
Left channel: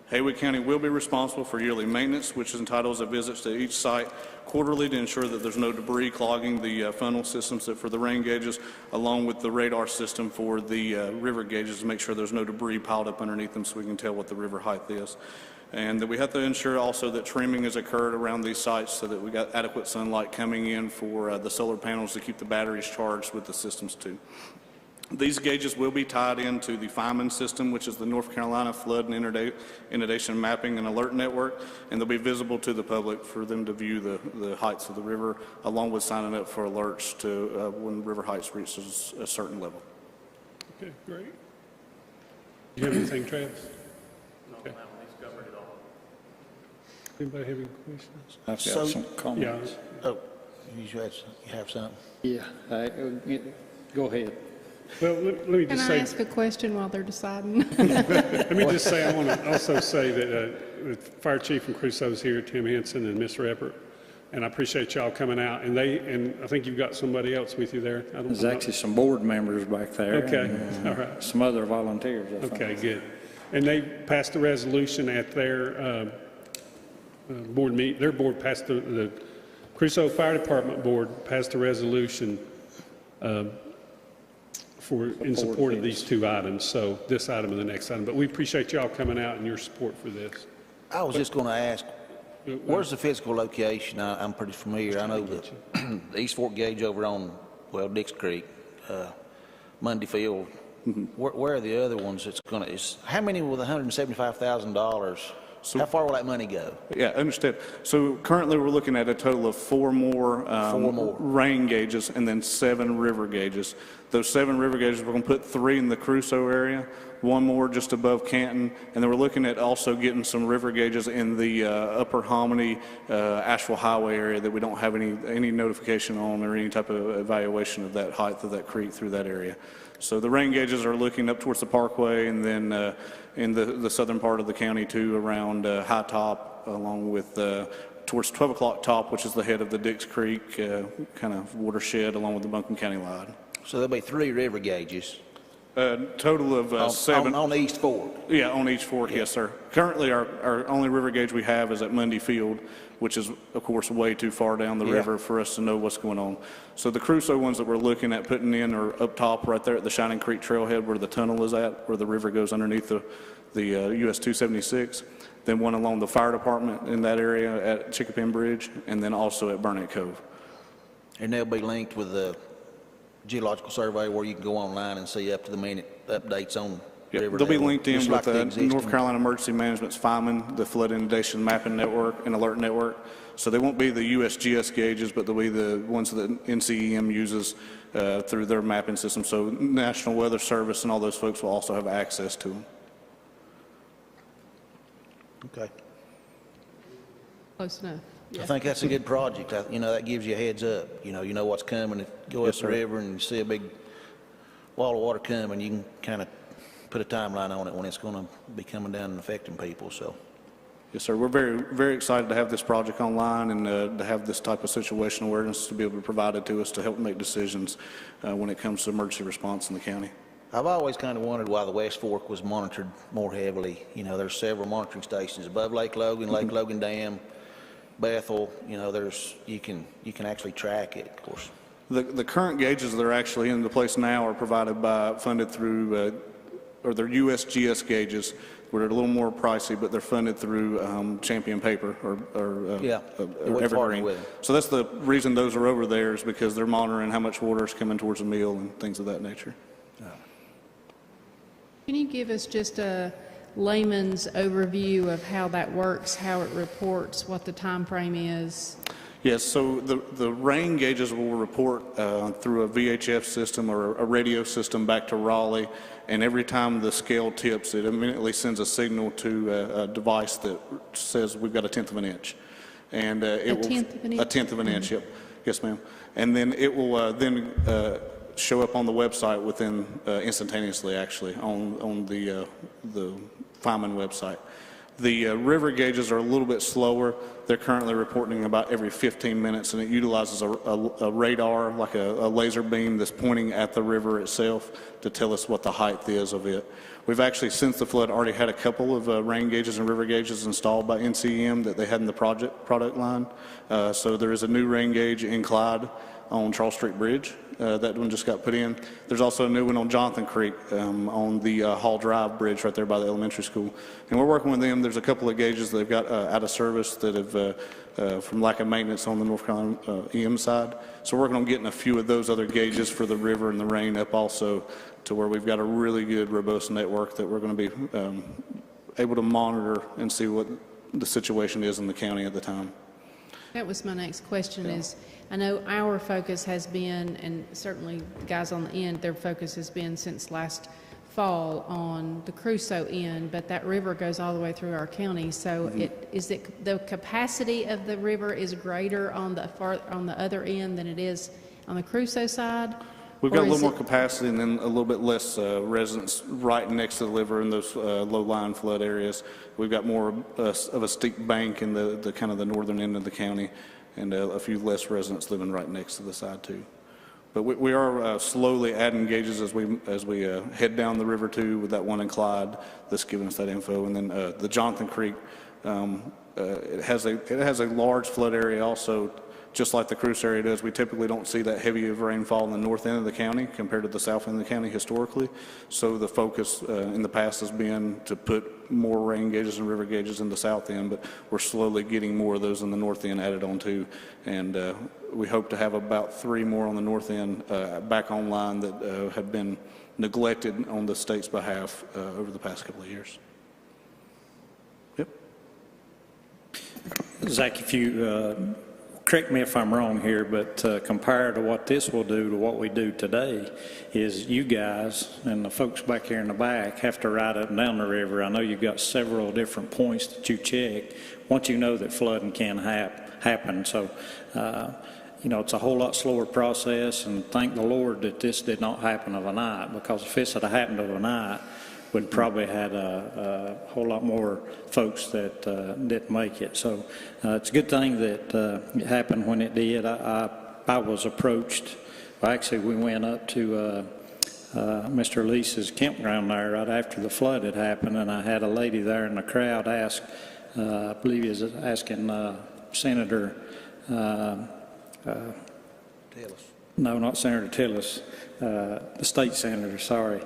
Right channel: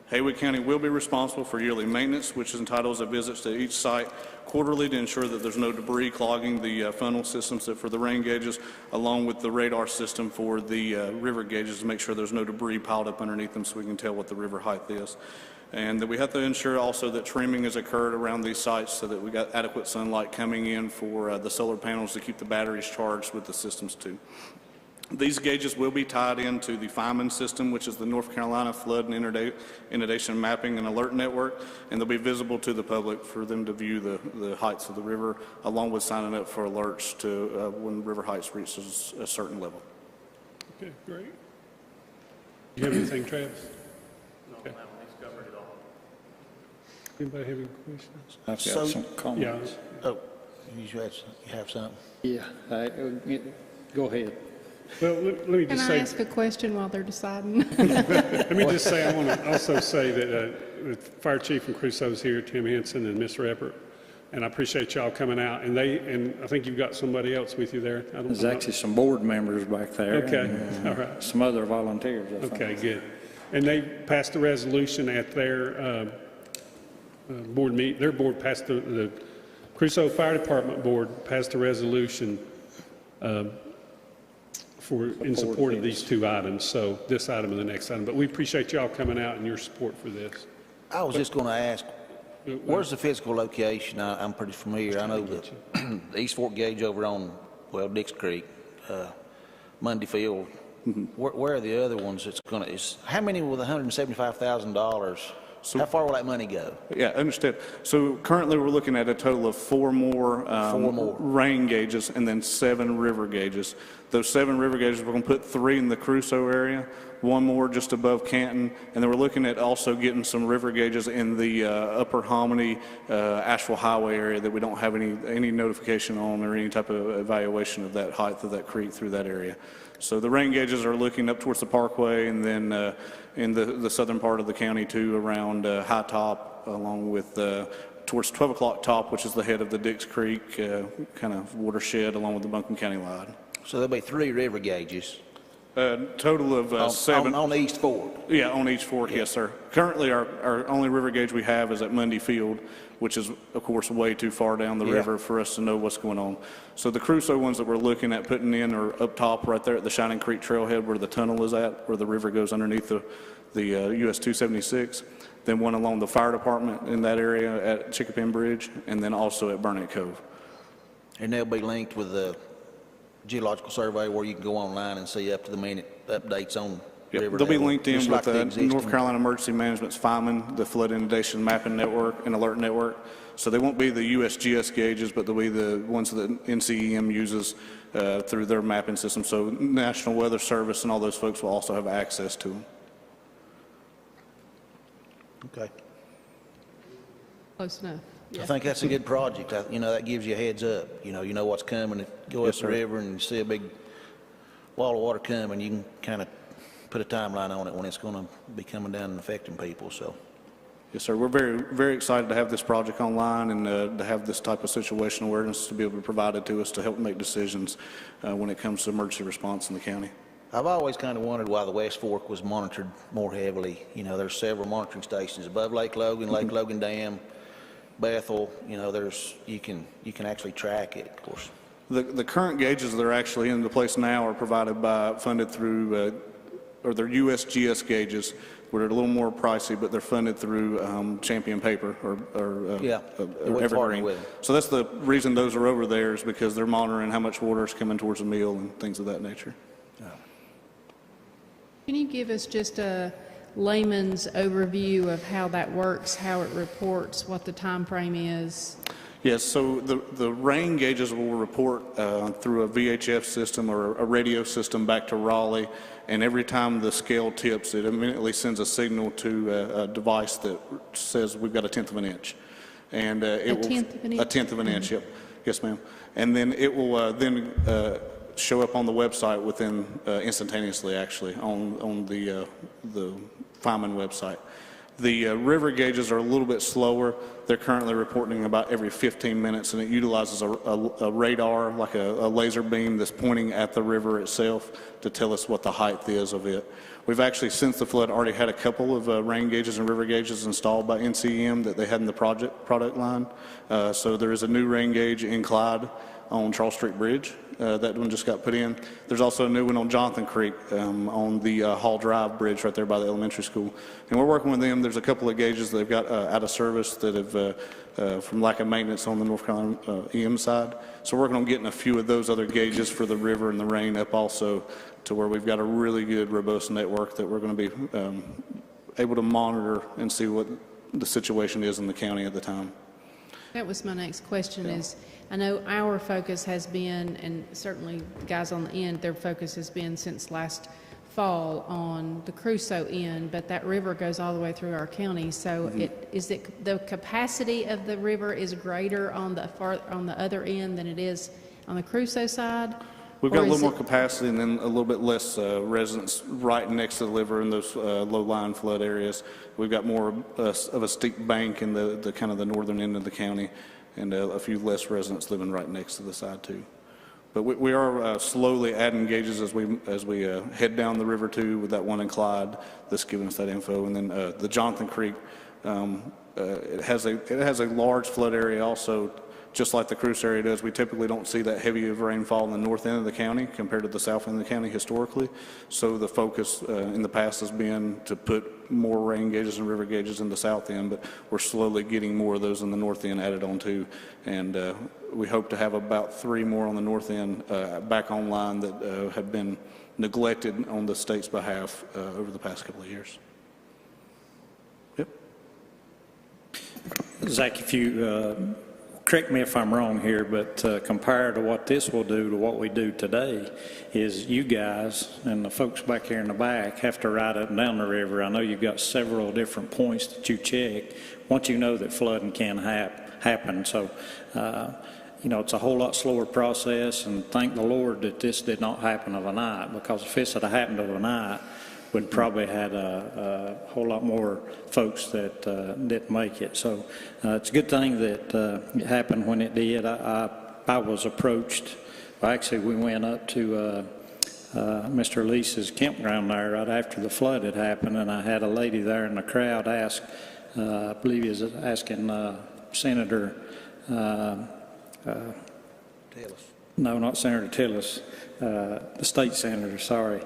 Haywood County will be responsible for yearly maintenance, which entitles a visit to each site quarterly to ensure that there's no debris clogging the funnel systems for the rain gauges, along with the radar system for the river gauges to make sure there's no debris piled up underneath them so we can tell what the river height is. And that we have to ensure also that trimming has occurred around these sites so that we got adequate sunlight coming in for the solar panels to keep the batteries charged with the systems too. These gauges will be tied into the Freeman system, which is the North Carolina Flood and Inundation Mapping and Alert Network, and they'll be visible to the public for them to view the heights of the river, along with signing up for alerts to when river heights reaches a certain level. Okay, great. You have anything, Travis? Okay. Anybody have any questions? I've got some comments. Oh, you have something? Yeah, go ahead. Well, let me Can just I say, ask a question while they're deciding? let me just say, I want to also say that the Fire Chief and Crusoe's here, Tim Henson and Miss Reppert, and I appreciate y'all coming out. And I think you've got somebody else with you there. There's actually some board members back there. Okay, and, all right. Some other volunteers, I think. Okay, good. And they passed a resolution at their board meet. Their board passed the Crusoe Fire Department board passed a resolution in support of these two items. So this item and the next item. But we appreciate y'all coming out and your support for this. I was just going to ask, where's the physical location? I'm pretty familiar. I know that the East Fork gauge over on, Dix Creek, Monday Field. Where are the other ones that's going to, how many with $175,000? How far will that money go? Yeah, I understand. So currently we're looking at a total of four more rain gauges and then 7 river gauges. Those 7 river gauges, we're going to put 3 in the Crusoe area, 1 more just above Canton, and then we're looking at also getting some river gauges in the Upper Hominy, Asheville Highway area that we don't have any notification on or any type of evaluation of that height of that creek through that area. So the rain gauges are looking up towards the Parkway and then in the southern part of the county too, around High Top, along with towards 12 o'clock top, which is the head of the Dix Creek kind of watershed, along with the Buncombe County line. So there'll be 3 river gauges. Total of 7. On East Fork? Yeah, on each fork, yes, sir. Currently, our only river gauge we have is at Monday Field, which is, of course, way too far down the river for us to know what's going on. So the Crusoe ones that we're looking at putting in are up top right there at the Shining Creek Trailhead where the tunnel is at, where the river goes underneath the US 276. Then one along the fire department in that area at Chickapin Bridge, and then also at Burnett Cove. And they'll be linked with the Geological Survey where you can go online and see up-to-the-minute updates on river. They'll be linked in just with like the North Carolina Emergency Management's Freeman, the Flood Inundation Mapping Network and Alert Network. So they won't be the USGS gauges, but they'll be the ones that NCEM uses through their mapping system. So National Weather Service and all those folks will also have access to them. Okay. Close enough. Yeah. I think that's a good project. That gives you a heads up. You know what's coming. Go up the river and you see a big wall of water coming. You can kind of put a timeline on it when it's going to be coming down and affecting people. So, yes, sir. We're very, very excited to have this project online and to have this type of situational awareness to be able to provide it to us to help make decisions when it comes to emergency response in the county. I've always kind of wondered why the West Fork was monitored more heavily. There's several monitoring stations above Lake Logan, Lake Logan Dam, Bethel. You can actually track it, of course. The current gauges that are actually in the place now are funded through, or they're USGS gauges. We're a little more pricey, but they're funded through Champion Paper or Evergreen. So that's the reason those are over there, is because they're monitoring how much water is coming towards the mill and things of that nature. Can you give us just a layman's overview of how that works, how it reports, what the time frame is? Yes, so the rain gauges will report through a VHF system or a radio system back to Raleigh, and every time the scale tips, it immediately sends a signal to a device that says we've got a 1/10 of an inch. And a 1/10 of an inch? A 1/10 of an inch, yep. Yes, ma'am. And then it will show up on the website within instantaneously, actually, on the Freeman website. The river gauges are a little bit slower. They're currently reporting about every 15 minutes, and it utilizes a radar, like a laser beam that's pointing at the river itself to tell us what the height is of it. We've actually, since the flood, already had a couple of rain gauges and river gauges installed by NCEM that they had in the product line. So there is a new rain gauge in Clyde on Charles Street Bridge. That one just got put in. There's also a new one on Jonathan Creek on the Hall Drive Bridge right there by the elementary school. And we're working with them. There's a couple of gauges that they've got out of service that have, from lack of maintenance on the North Carolina EM side. So we're working on getting a few of those other gauges for the river and the rain up also, to where we've got a really good, robust network that we're going to be able to monitor and see what the situation is in the county at the time. That was my next question is, I know our focus has been, and certainly the guys on the end, their focus has been since last fall on the Crusoe end, but that river goes all the way through our county. So is it the capacity of the river is greater on the other end than it is on the Crusoe side? We've got a little more capacity and then a little bit less residents right next to the river in those low-lying flood areas. We've got more of a steep bank in the kind of the northern end of the county, and a few less residents living right next to the side too. But we are slowly adding gauges as we head down the river too, with that one in Clyde that's giving us that info, and then the Jonathan Creek. It has a large flood area also. Just like the Crusoe area does, we typically don't see that heavy of rainfall in the north end of the county compared to the south end of the county historically. So the focus in the past has been to put more rain gauges and river gauges in the south end, but we're slowly getting more of those in the north end added on too. And we hope to have about 3 more on the north end back online that have been neglected on the state's behalf over the past couple of years. Yep. Zach, if you correct me if I'm wrong here, but compared to what this will do to what we do today, is you guys and the folks back here in the back have to ride up and down the river. I know you've got several different points that you check once you know that flooding can happen. So, it's a whole lot slower process, and thank the Lord that this did not happen overnight, because if this had happened overnight, we'd probably had a whole lot more folks that didn't make it. So it's a good thing that it happened when it did. I was approached. Actually, we went up to Mr. Leese's campground there right after the flood had happened, and I had a lady there in the crowd ask, I believe he was asking Senator Tillis. No, not Senator Tillis. The state senator, sorry.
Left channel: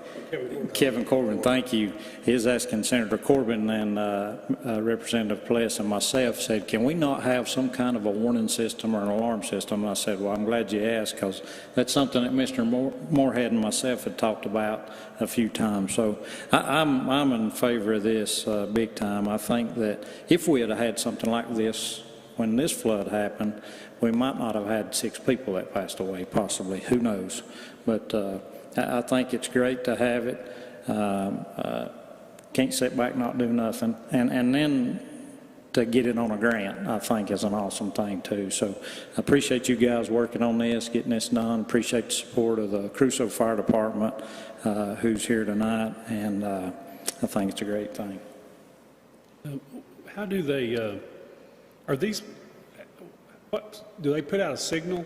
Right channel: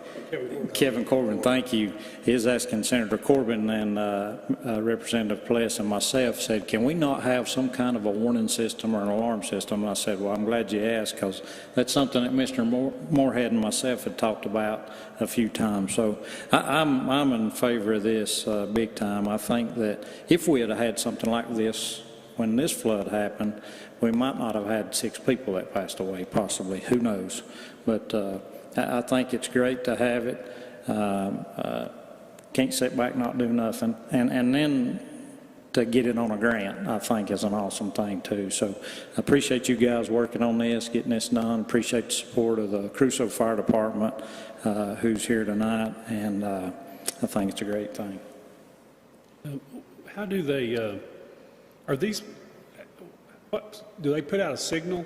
Kevin Corbin, thank you. He was asking Senator Corbin and Representative Pless and myself, said, can we not have some kind of a warning system or an alarm system? And I said, well, I'm glad you asked, because that's something that Mr. Moorhead and myself had talked about a few times. So I'm in favor of this big time. I think that if we had something like this when this flood happened, we might not have had 6 people that passed away, possibly. Who knows? But I think it's great to have it. Can't sit back, not do nothing. And then to get it on a grant, I think, is an awesome thing, too. So I appreciate you guys working on this, getting this done. Appreciate the support of the Crusoe Fire Department, who's here tonight. And I think it's a great thing. How do they, are these, what, do they put out a signal?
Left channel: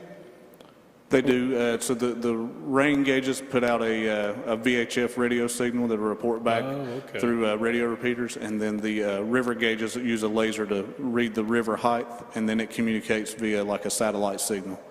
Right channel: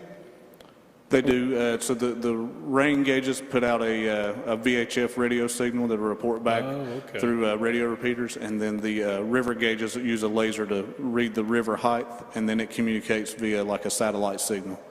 They do. So the rain gauges put out a VHF radio signal that will report back through radio repeaters, and then the river gauges use a laser to read the river height, and then it communicates via like a satellite signal.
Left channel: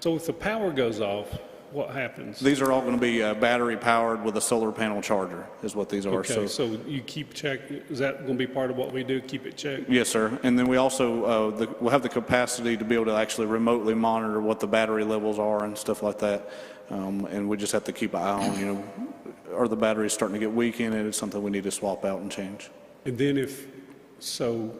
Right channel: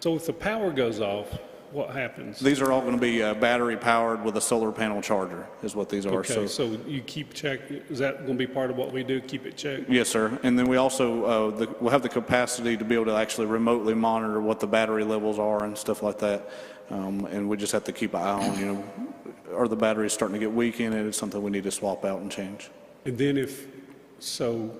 So if the power goes off, what happens? These are all going to be battery powered with a solar panel charger, is what these are. Okay, so you keep check. Is that going to be part of what we do? Keep it checked? Yes, sir. And then we also we'll have the capacity to be able to actually remotely monitor what the battery levels are and stuff like that. And we just have to keep an eye on, are the batteries starting to get weak in it? It's something we need to swap out and change. And then so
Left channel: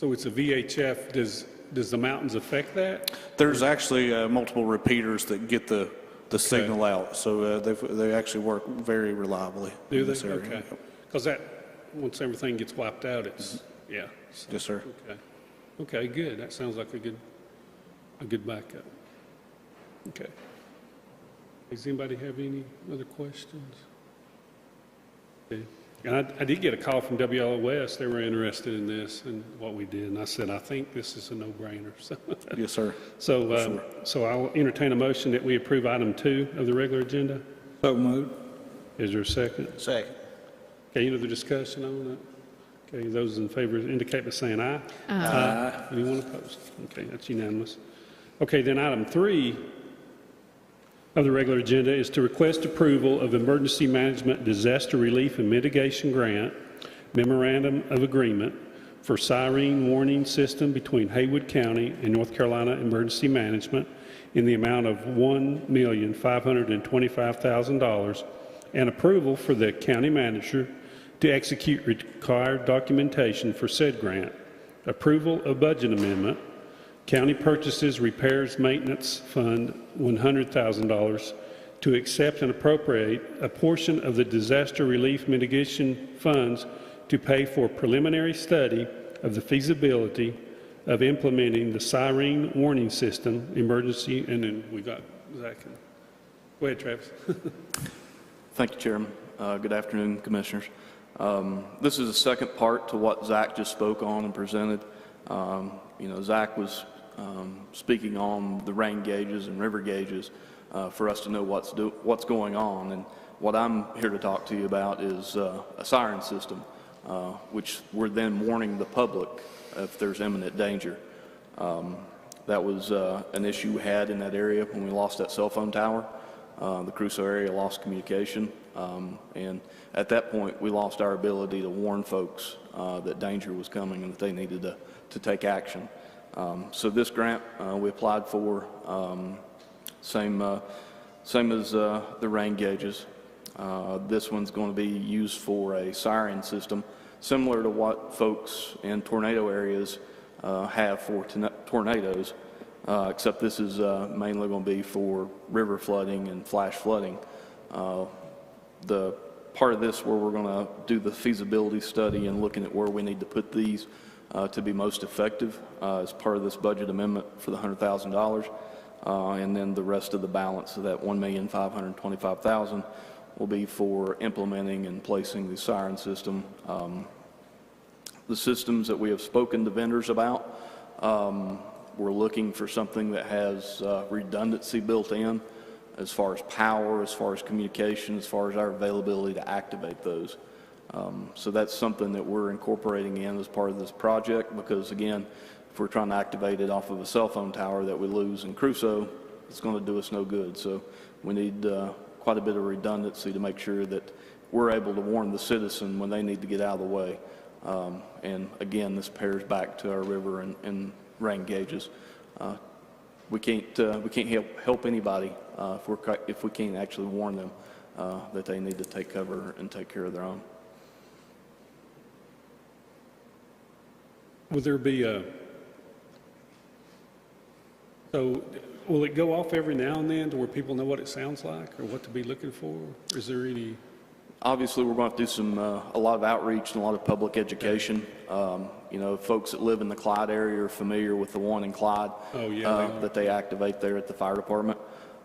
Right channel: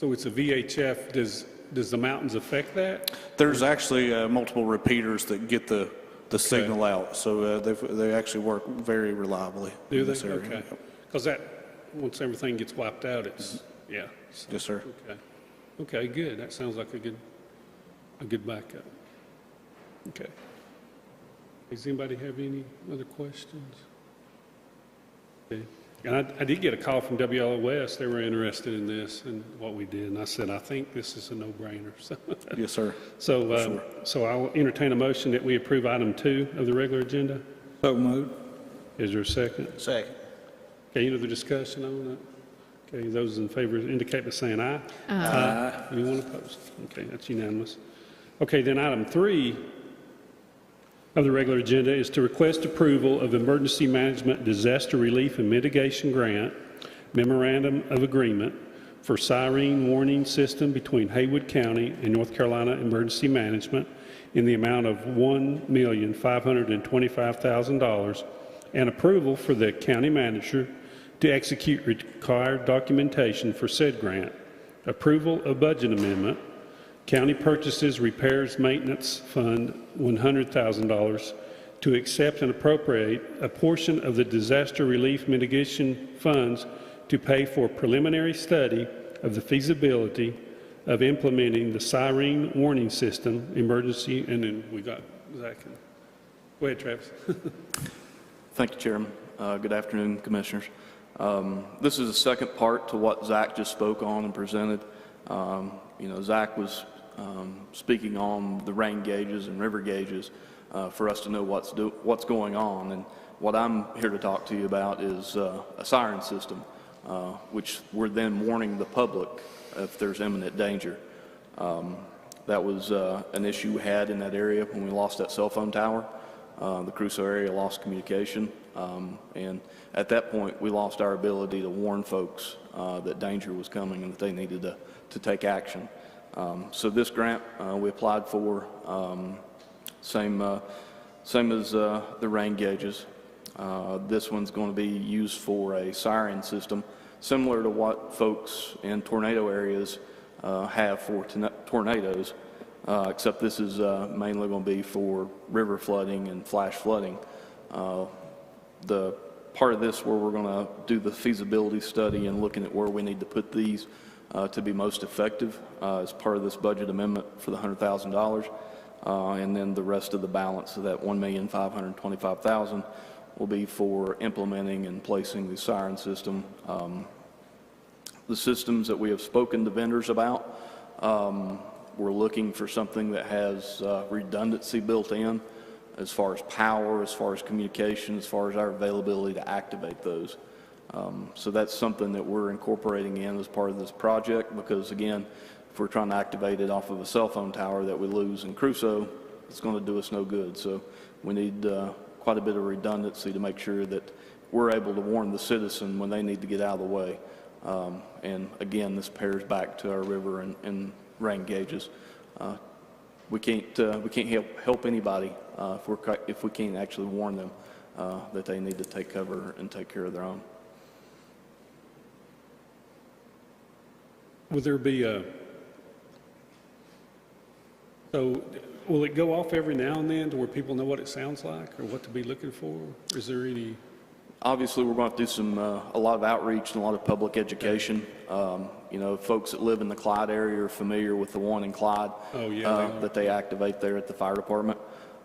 it's a VHF. Does the mountains affect that? There's actually multiple repeaters that get the signal out, so they actually work very reliably in this area. Okay. Because once everything gets wiped out, it's yeah. So, yes, sir. Okay, good. That sounds like a good backup. Okay. Does anybody have any other questions? Okay. And I did get a call from WLOS. They were interested in this and what we did. And I said, I think this is a no-brainer. So, yes, sir. So I'll entertain a motion that we approve item 2 of the regular agenda. So moved. Is there a second? Second. Okay, any other discussion on that? Okay, those in favor indicate by saying aye. Aye. Anyone opposed? Okay, that's unanimous. Okay, then item 3 of the regular agenda is to request approval of Emergency Management Disaster Relief and Mitigation Grant Memorandum of Agreement for Siren Warning System between Haywood County and North Carolina Emergency Management in the amount of $1,525,000 and approval for the county manager to execute required documentation for said grant. Approval of budget amendment. County Purchases, Repairs, Maintenance Fund, $100,000 to accept and appropriate a portion of the disaster relief mitigation funds to pay for preliminary study of the feasibility of implementing the siren warning system emergency. And then we got Zach. Go ahead, Travis. Thank you, Chairman. Good afternoon, Commissioners. This is the second part to what Zach just spoke on and presented. Zach was speaking on the rain gauges and river gauges for us to know what's going on. And what I'm here to talk to you about is a siren system, which we're then warning the public if there's imminent danger. That was an issue we had in that area when we lost that cell phone tower. The Crusoe area lost communication, and at that point we lost our ability to warn folks that danger was coming and that they needed to take action. So this grant we applied for, same as the rain gauges. This one's going to be used for a siren system, similar to what folks in tornado areas have for tornadoes, except this is mainly going to be for river flooding and flash flooding. The part of this where we're going to do the feasibility study and looking at where we need to put these to be most effective as part of this budget amendment for the $100,000, and then the rest of the balance of that $1,525,000 will be for implementing and placing the siren system. The systems that we have spoken to vendors about, we're looking for something that has redundancy built in as far as power, as far as communication, as far as our availability to activate those. So that's something that we're incorporating in as part of this project because, again, if we're trying to activate it off of a cell phone tower that we lose in Crusoe, it's going to do us no good. So we need quite a bit of redundancy to make sure that we're able to warn the citizen when they need to get out of the way. And again, this pairs back to our river and rain gauges. We can't help anybody if we can't actually warn them that they need to take cover and take care of their own. Will there be so will it go off every now and then to where people know what it sounds like or what to be looking for? Is there any? Obviously, we're going to do a lot of outreach and a lot of public education. Folks that live in the Clyde area are familiar with the one in Clyde that they activate there at the fire department.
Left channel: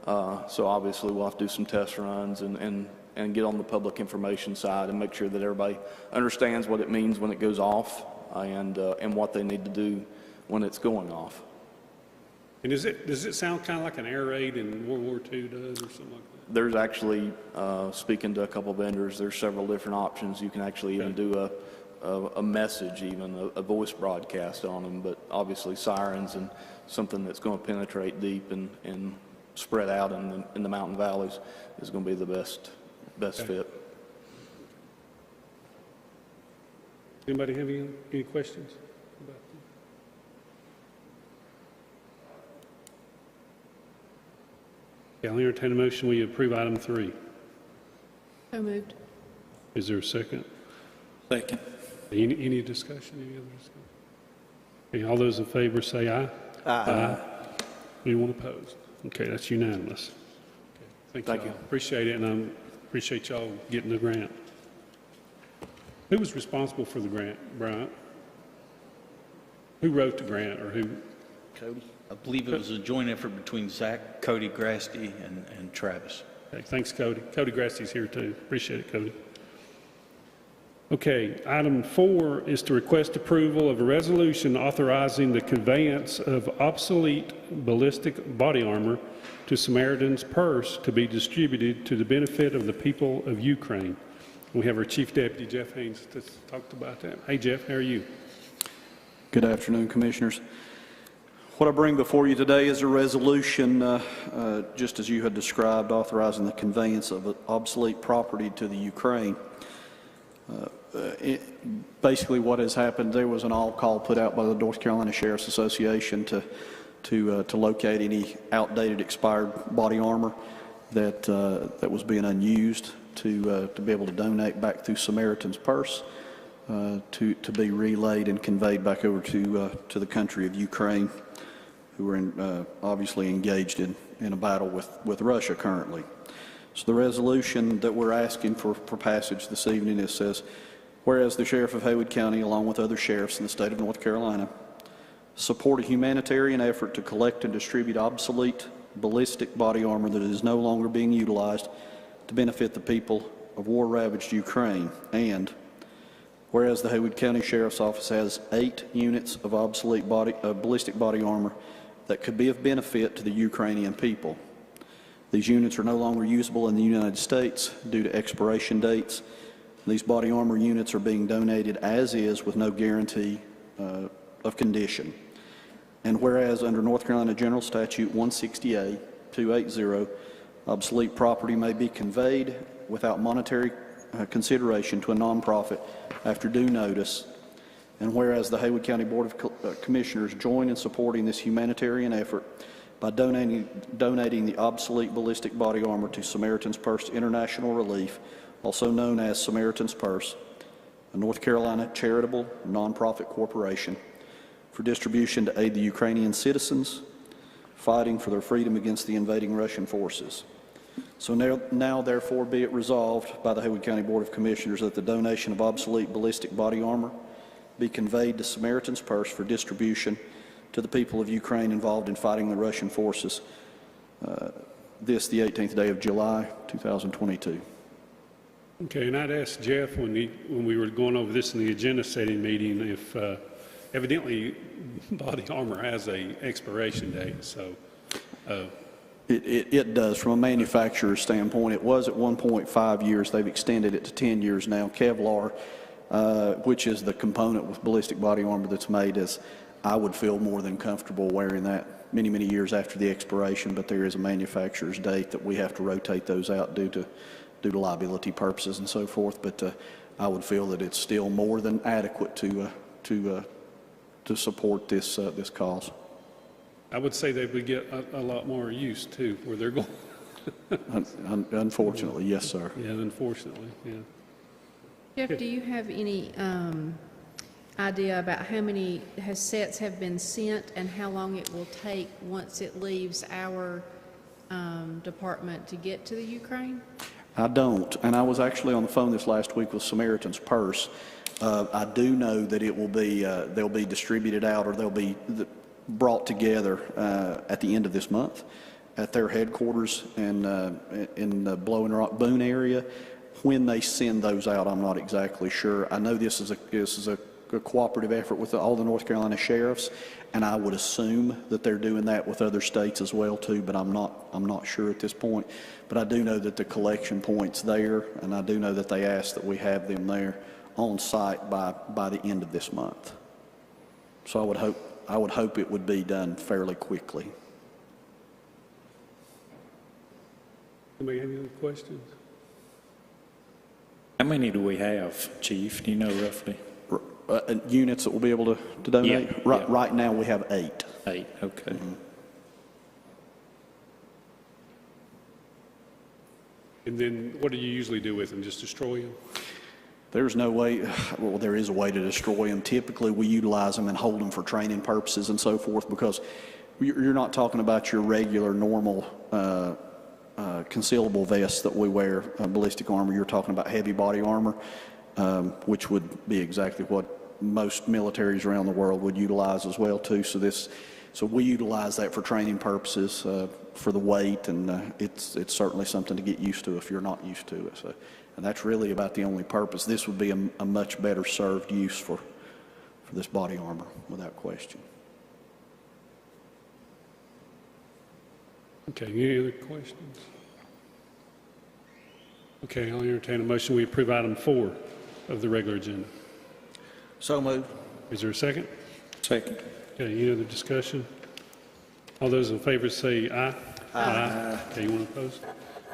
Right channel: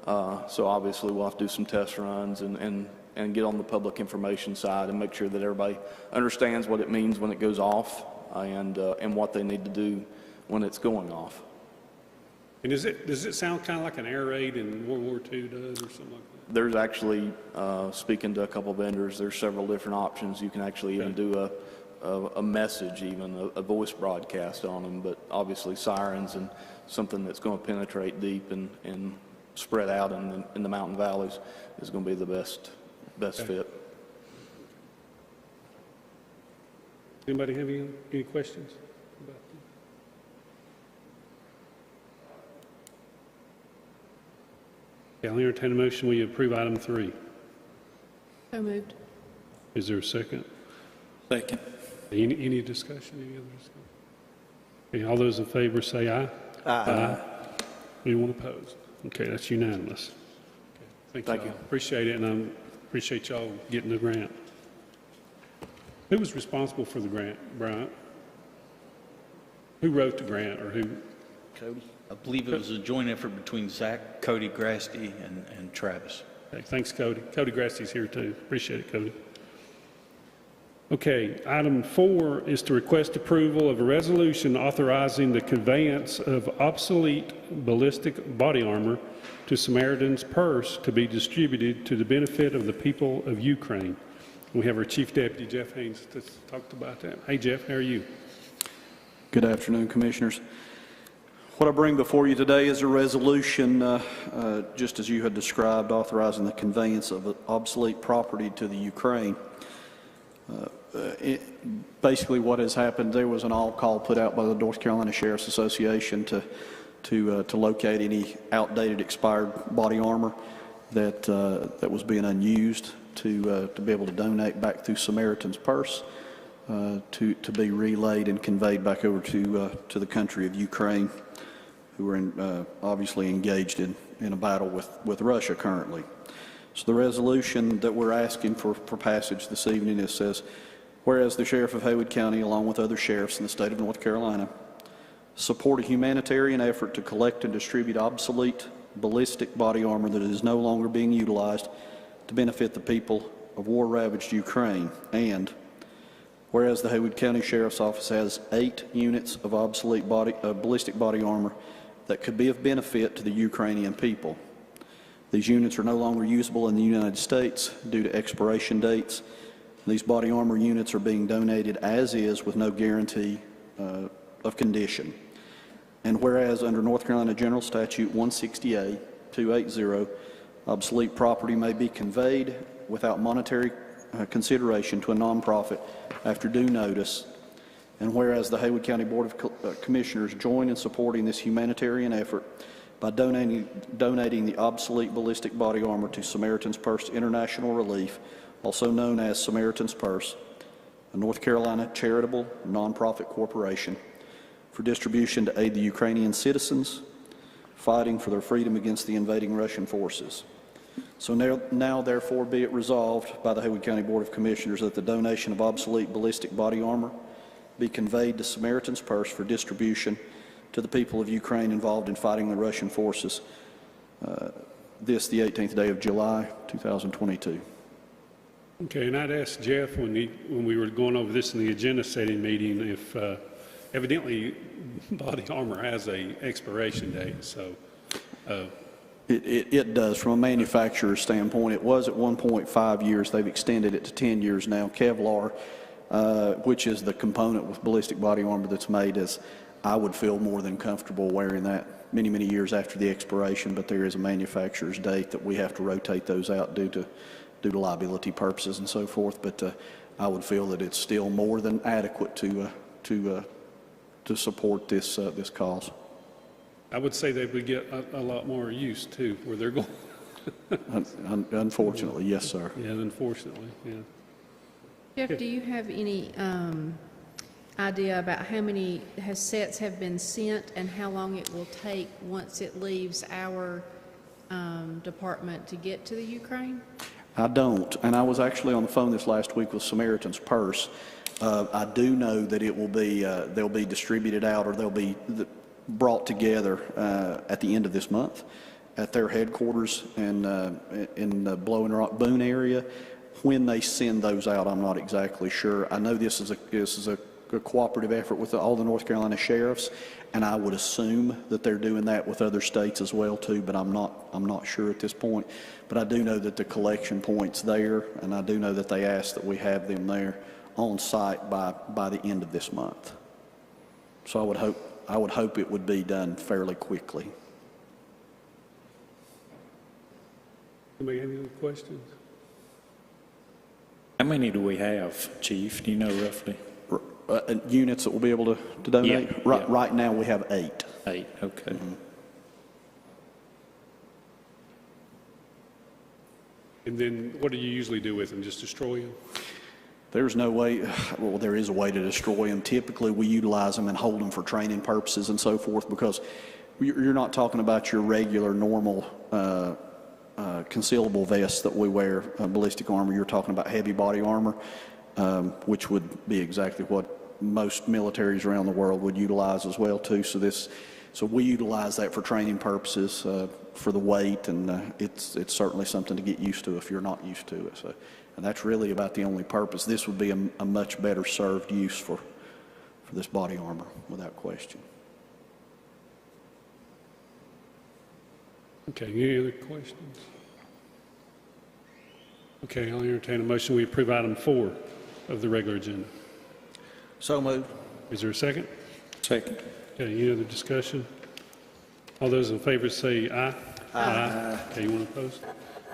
So obviously, we'll have to do some test runs and get on the public information side and make sure that everybody understands what it means when it goes off and what they need to do when it's going off. And does it sound kind of like an air raid in World War II does or something like that? There's actually, speaking to a couple of vendors, there's several different options. You can actually even do a message, even a voice broadcast on them, but obviously sirens and something that's going to penetrate deep and spread out in the mountain valleys is going to be the best fit. Anybody have any questions about that? Yeah, I'll entertain a motion. We approve item 3. So moved. Is there a second? Second. Any discussion? Any other discussion? Okay, all those in favor say aye. Aye. Anyone opposed? Okay, that's unanimous. Okay, thank you. Appreciate it, and I appreciate y'all getting the grant. Who was responsible for the grant, Bryant? Who wrote the grant, or who? Cody? I believe it was a joint effort between Zach, Cody Grasty, and Travis. Okay, thanks, Cody. Cody Grasty's here too. Appreciate it, Cody. Okay, item 4 is to request approval of a resolution authorizing the conveyance of obsolete ballistic body armor to Samaritan's purse to be distributed to the benefit of the people of Ukraine. We have our Chief Deputy, Jeff Haynes, to talk about that. Hey, Jeff, how are you? Good afternoon, Commissioners. What I bring before you today is a resolution, just as you had described, authorizing the conveyance of obsolete property to the Ukraine. Basically what has happened, there was an all-call put out by the North Carolina Sheriff's Association to locate any outdated, expired body armor that was being unused, to be able to donate back through Samaritan's purse, to be relayed and conveyed back over to the country of Ukraine, who are obviously engaged in a battle with Russia currently. So the resolution that we're asking for passage this evening says, whereas the Sheriff of Haywood County, along with other sheriffs in the state of North Carolina, support a humanitarian effort to collect and distribute obsolete ballistic body armor that is no longer being utilized to benefit the people of war-ravaged Ukraine. And whereas the Haywood County Sheriff's Office has 8 units of obsolete ballistic body armor that could be of benefit to the Ukrainian people. These units are no longer usable in the United States due to expiration dates. These body armor units are being donated as is with no guarantee of condition. And whereas under North Carolina General Statute 160A-280, obsolete property may be conveyed without monetary consideration to a nonprofit after due notice. And whereas the Haywood County Board of Commissioners join in supporting this humanitarian effort by donating the obsolete ballistic body armor to Samaritan's Purse International Relief, also known as Samaritan's Purse, a North Carolina charitable nonprofit corporation, for distribution to aid the Ukrainian citizens fighting for their freedom against the invading Russian forces. So now therefore be it resolved by the Haywood County Board of Commissioners that the donation of obsolete ballistic body armor be conveyed to Samaritan's Purse for distribution to the people of Ukraine involved in fighting the Russian forces, the 18th day of July, 2022. Okay, and I'd asked Jeff when we were going over this in the agenda setting meeting if evidently body armor has a expiration date, so. It does. From a manufacturer's standpoint, it was at 1.5 years. They've extended it to 10 years now. Kevlar, which is the component with ballistic body armor that's made, I would feel more than comfortable wearing that many, many years after the expiration, but there is a manufacturer's date that we have to rotate those out due to liability purposes and so forth. But I would feel that it's still more than adequate to support this cause. I would say they would get a lot more use too, where they're going. Unfortunately, yes, sir. Yeah, unfortunately, yeah. Jeff, do you have any idea about how many sets have been sent and how long it will take once it leaves our department to get to the Ukraine? I don't, and I was actually on the phone this last week with Samaritan's Purse. I do know that it will be they'll be distributed out, or they'll be brought together at the end of this month at their headquarters in the Blowing Rock Boone area. When they send those out, I'm not exactly sure. I know this is a cooperative effort with all the North Carolina sheriffs, and I would assume that they're doing that with other states as well too. But I'm not sure at this point. But I do know that the collection point's there, and I do know that they ask that we have them there on site by the end of this month. So I would hope it would be done fairly quickly. Anybody have any other questions? How many do we have, Chief? Do you know roughly? Units that will be able to donate? Yeah, Right now we have 8. 8, okay. Mm-hmm. And then what do you usually do with them? Just destroy them? There's no way, well, there is a way to destroy them. Typically, we utilize them and hold them for training purposes and so forth, because you're not talking about your regular, normal concealable vests that we wear, ballistic armor. You're talking about heavy body armor, which would be exactly what most militaries around the world would utilize as well too. So we utilize that for training purposes, for the weight, and it's certainly something to get used to if you're not used to it. So. And that's really about the only purpose. This would be a much better served use for this body armor, without question. Okay, any other questions? Okay, I'll entertain a motion. We approve item 4 of the regular agenda. So moved. Is there a second? Second. Okay, any other discussion? All those in favor say aye. Aye. Okay, anyone opposed?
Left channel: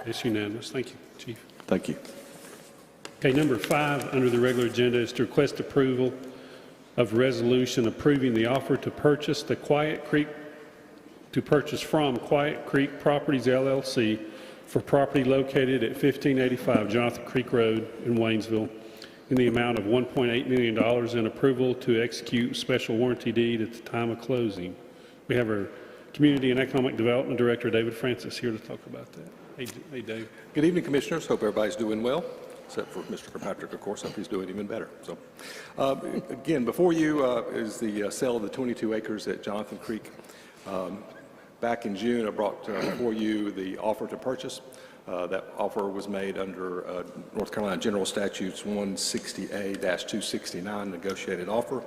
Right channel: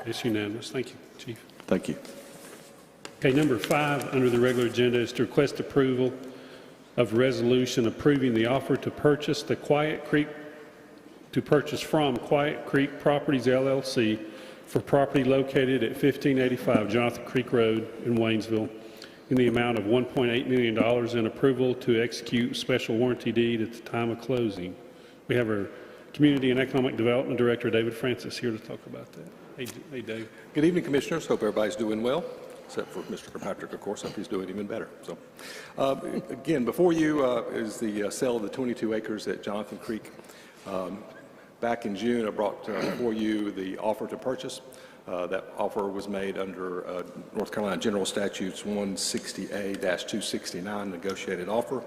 It's unanimous. Thank you, Chief. Thank you. Okay, number 5 under the regular agenda is to request approval of resolution approving the offer to purchase from Quiet Creek Properties LLC for property located at 1585 Jonathan Creek Road in Waynesville in the amount of $1.8 million and approval to execute special warranty deed at the time of closing. We have our Community and Economic Development Director, David Francis, here to talk about that. Hey, Dave. Good evening, Commissioners. Hope everybody's doing well, except for Mr. Kirkpatrick, of course. Hope he's doing even better. So, again, before you is the sale of the 22 acres at Jonathan Creek. Back in June, I brought before you the offer to purchase. That offer was made under North Carolina General Statutes 160A-269 negotiated offer.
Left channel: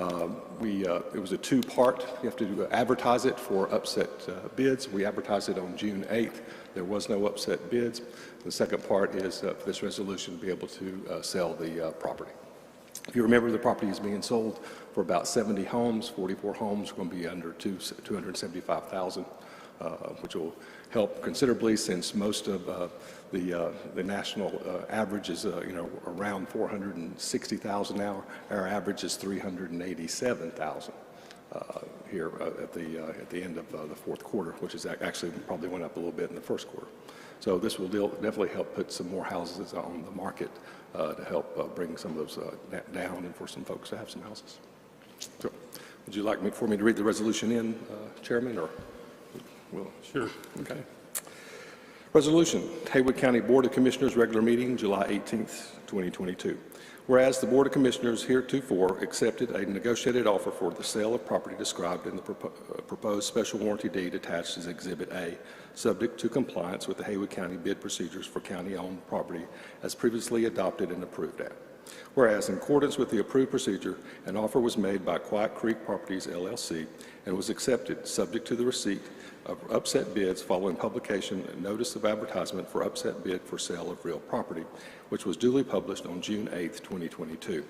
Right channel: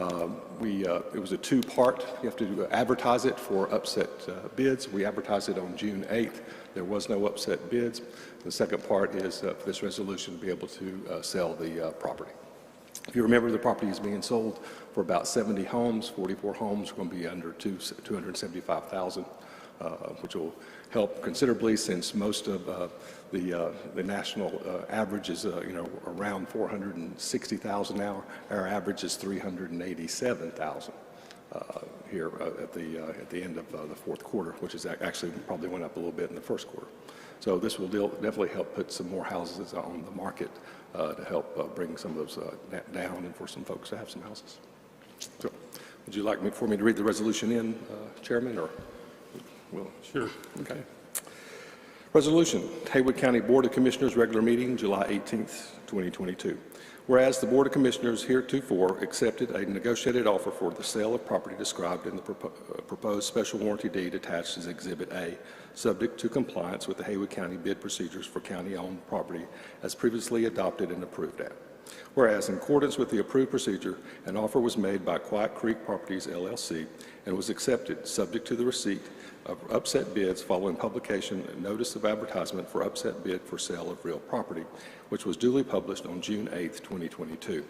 It was a two-part. You have to advertise it for upset bids. We advertised it on June 8th. There was no upset bids. The second part is for this resolution to be able to sell the property. If you remember, the property is being sold for about 70 homes. 44 homes are going to be under $275,000, which will help considerably since most of the national average is around 460,000 now. Our average is 387,000 here at the end of the fourth quarter, which is actually probably went up a little bit in the first quarter. So this will definitely help put some more houses on the market to help bring some of those down and for some folks to have some houses. So, would you like for me to read the resolution in, Chairman, or will? Sure. Okay. Resolution, Haywood County Board of Commissioners, regular meeting, July 18th, 2022. Whereas the Board of Commissioners heretofore accepted a negotiated offer for the sale of property described in the proposed special warranty deed attached as Exhibit A, subject to compliance with the Haywood County bid procedures for county-owned property as previously adopted and approved at. Whereas, in accordance with the approved procedure, an offer was made by Quiet Creek Properties, LLC, and was accepted, subject to the receipt of upset bids following publication and notice of advertisement for upset bid for sale of real property, which was duly published on June 8th, 2022.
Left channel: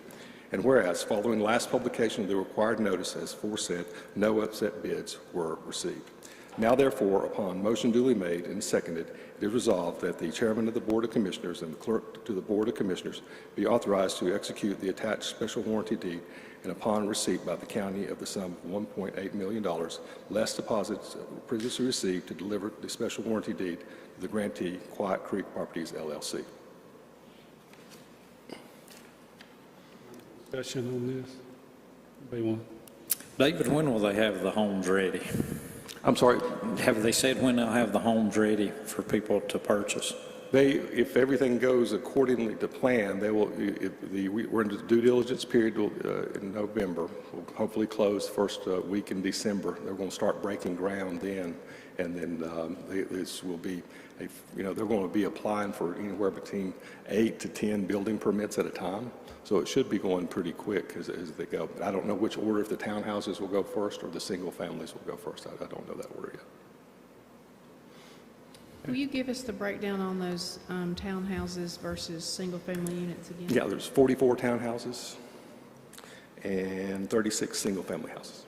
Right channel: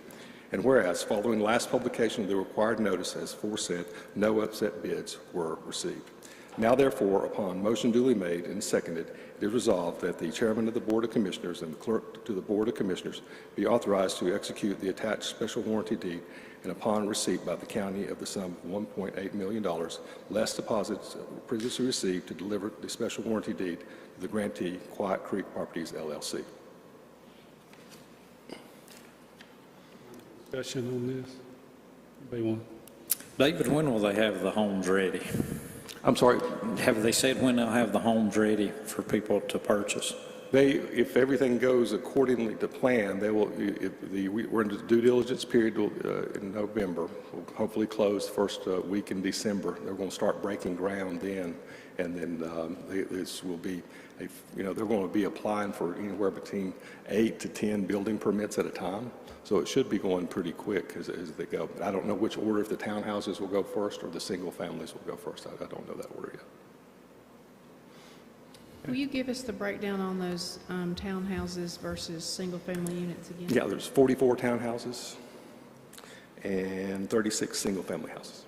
And whereas, following last publication of the required notice as aforesaid, no upset bids were received. Now, therefore, upon motion duly made and seconded, it is resolved that the Chairman of the Board of Commissioners and Clerk to the Board of Commissioners be authorized to execute the attached special warranty deed, and upon receipt by the county of the sum of $1.8 million, less deposits previously received, to deliver the special warranty deed to the grantee, Quiet Creek Properties, LLC. Discussion on this? Anybody want? David, when will they have the homes ready? I'm sorry? Have they said when they'll have the homes ready for people to purchase? If everything goes accordingly to plan, they will. We're in the due diligence period in November. We'll hopefully close first week in December. They're going to start breaking ground then, and then this will be. They're going to be applying for anywhere between 8 to 10 building permits at a time. So it should be going pretty quick as they go. But I don't know which order, if the townhouses will go first or the single families will go first. I don't know that order yet. Will you give us the breakdown on those townhouses versus single-family units again? Yeah, there's 44 townhouses and 36 single-family houses.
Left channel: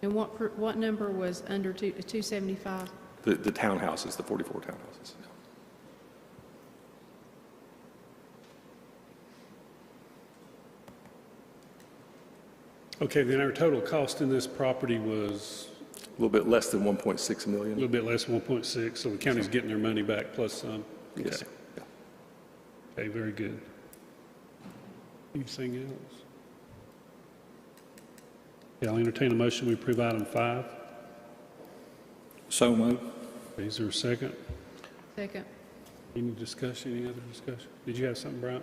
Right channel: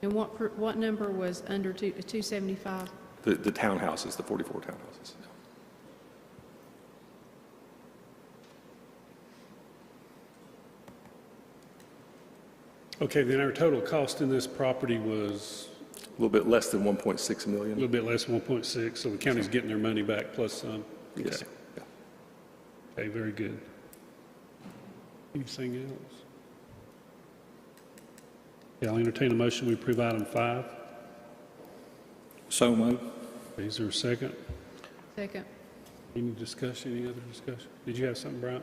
And what number was under 275? The townhouses, the 44 townhouses. Okay, then our total cost in this property was A little bit less than 1.6 million. a little bit less than 1.6, so the county's getting their money back plus some. Yes. Okay. Okay, very good. Anything else? Yeah, I'll entertain a motion to approve item 5. So moved. Okay, is there a second? Second. Any discussion, any other discussion? Did you have something, Brian?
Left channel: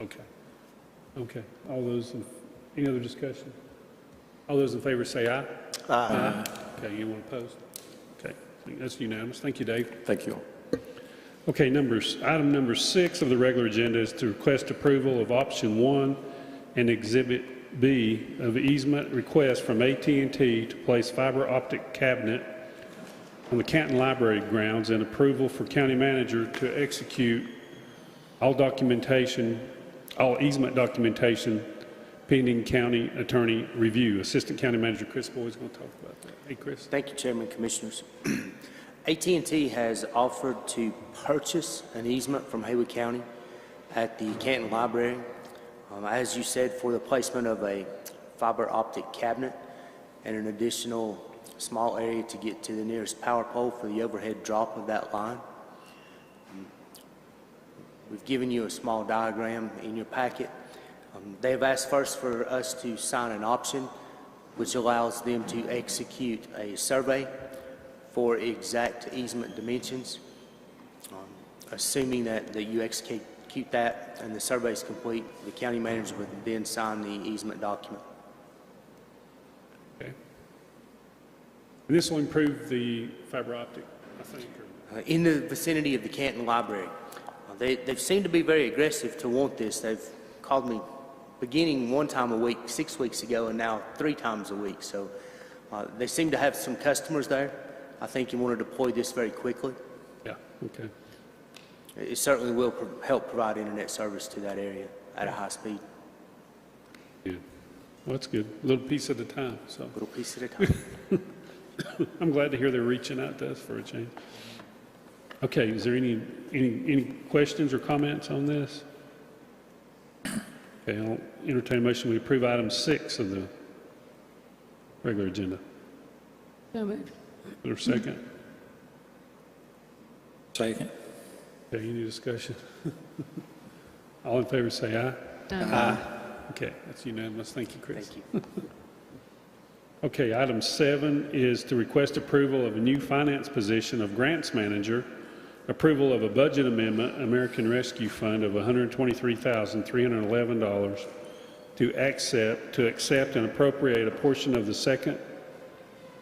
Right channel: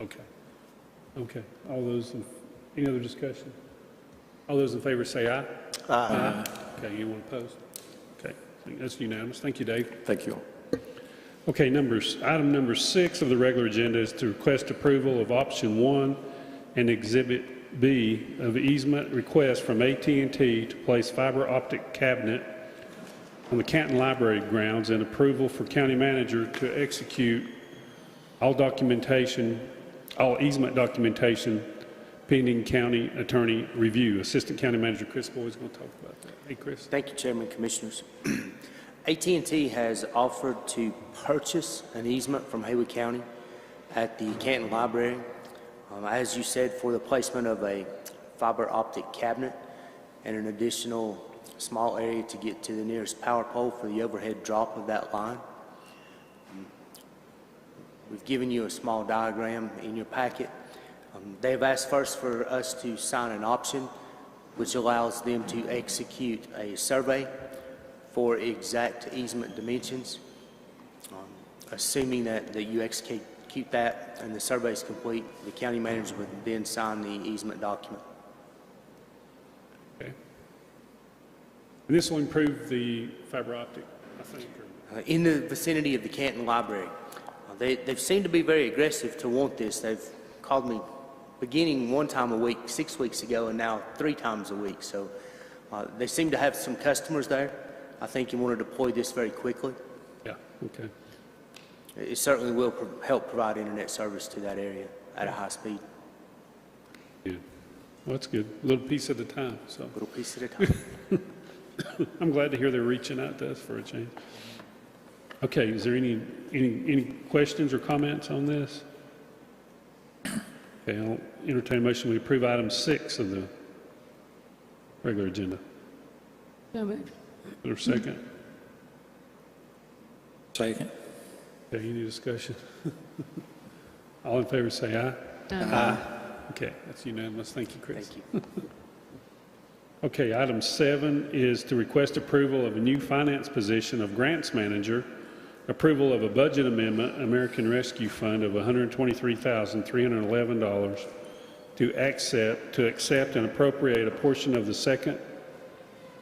Okay. Okay, any other discussion? All those in favor say aye. Aye. Okay, anyone opposed? Okay, that's unanimous. Thank you, Dave. Thank you. Okay, item number 6 of the regular agenda is to request approval of option 1 and exhibit B of easement request from AT&T to place fiber optic cabinet on the Canton Library grounds, and approval for county manager to execute all documentation all easement documentation pending county attorney review. Assistant County Manager Chris Boyd is going to talk about that. Hey, Chris. Thank you, Chairman, Commissioners. AT&T has offered to purchase an easement from Haywood County at the Canton Library, as you said, for the placement of a fiber optic cabinet and an additional small area to get to the nearest power pole for the overhead drop of that line. We've given you a small diagram in your packet. They've asked first for us to sign an option, which allows them to execute a survey for exact easement dimensions. Assuming that you execute that and the survey is complete, the county manager would then sign the easement document. Okay. And this will improve the fiber optic, I think. In the vicinity of the Canton Library. They seem to be very aggressive to want this. They've called me beginning one time a week 6 weeks ago and now 3 times a week. So they seem to have some customers there. I think you want to deploy this very quickly. Yeah, okay. It certainly will help provide internet service to that area at a high speed. Yeah, well, that's good. A little piece at a time. So. A little piece at a time. I'm glad to hear they're reaching out to us for a change. Okay, is there any questions or comments on this? Okay, I'll entertain a motion to approve item 6 of the regular agenda. So moved. Is there a second? Second. Okay, any discussion? All in favor say aye. Aye. Okay, that's unanimous. Thank you, Chris. Thank you. Okay, item 7 is to request approval of a new finance position of grants manager, approval of a budget amendment, American Rescue Fund of $123,311 to accept and appropriate a portion of the second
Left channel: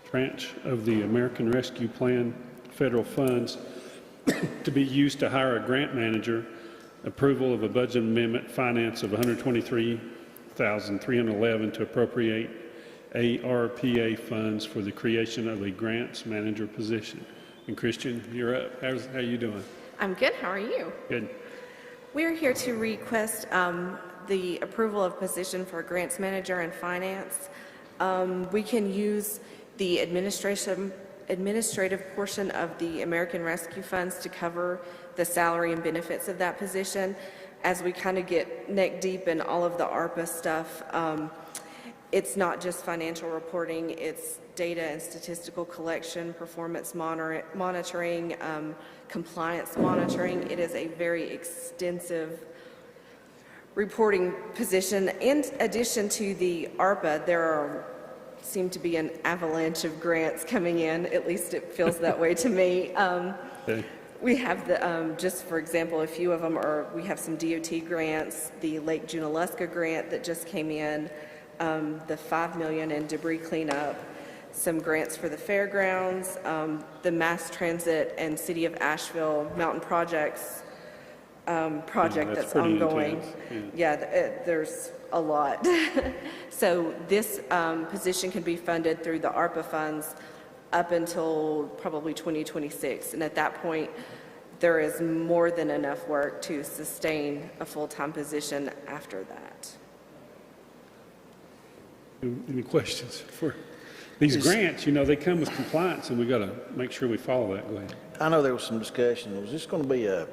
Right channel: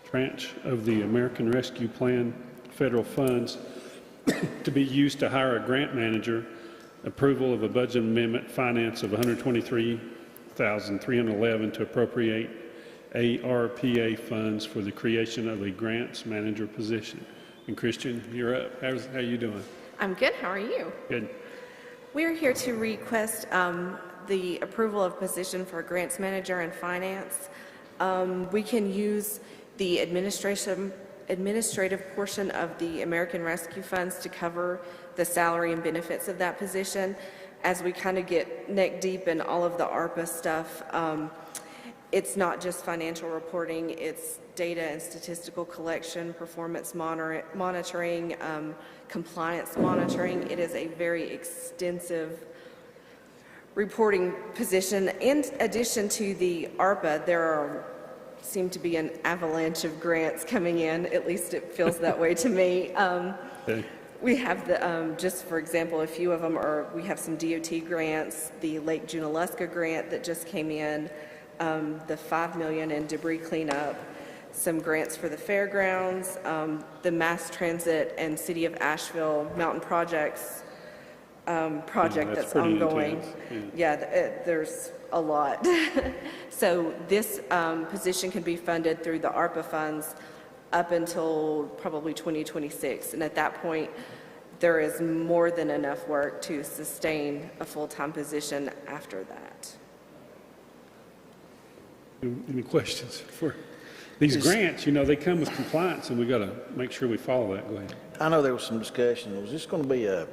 tranche of the American Rescue Plan federal funds to be used to hire a grant manager, approval of a budget amendment finance of $123,311 to appropriate ARPA funds for the creation of a grants manager position. And Christian, you're up. How are you doing? I'm good. How are you? Good. We're here to request the approval of position for grants manager and finance. We can use the administrative portion of the American Rescue Funds to cover the salary and benefits of that position. As we kind of get neck deep in all of the ARPA stuff, it's not just financial reporting, it's data and statistical collection, performance monitoring, compliance monitoring. It is a very extensive reporting position. In addition to the ARPA, there seem to be an avalanche of grants coming in, at least it feels that way to me. Okay. We have the, just for example, a few of them are, we have some DOT grants, the Lake Junaluska grant that just came in, the $5 million in debris cleanup, some grants for the fairgrounds, the mass transit and City of Asheville mountain projects project that's ongoing. Yeah, there's a lot. So this position can be funded through the ARPA funds up until probably 2026. And at that point, there is more than enough work to sustain a full-time position after that. Any questions for these grants? You know, they come with compliance, and we got to make sure we follow that way. I know there was some discussion. Was this going to be a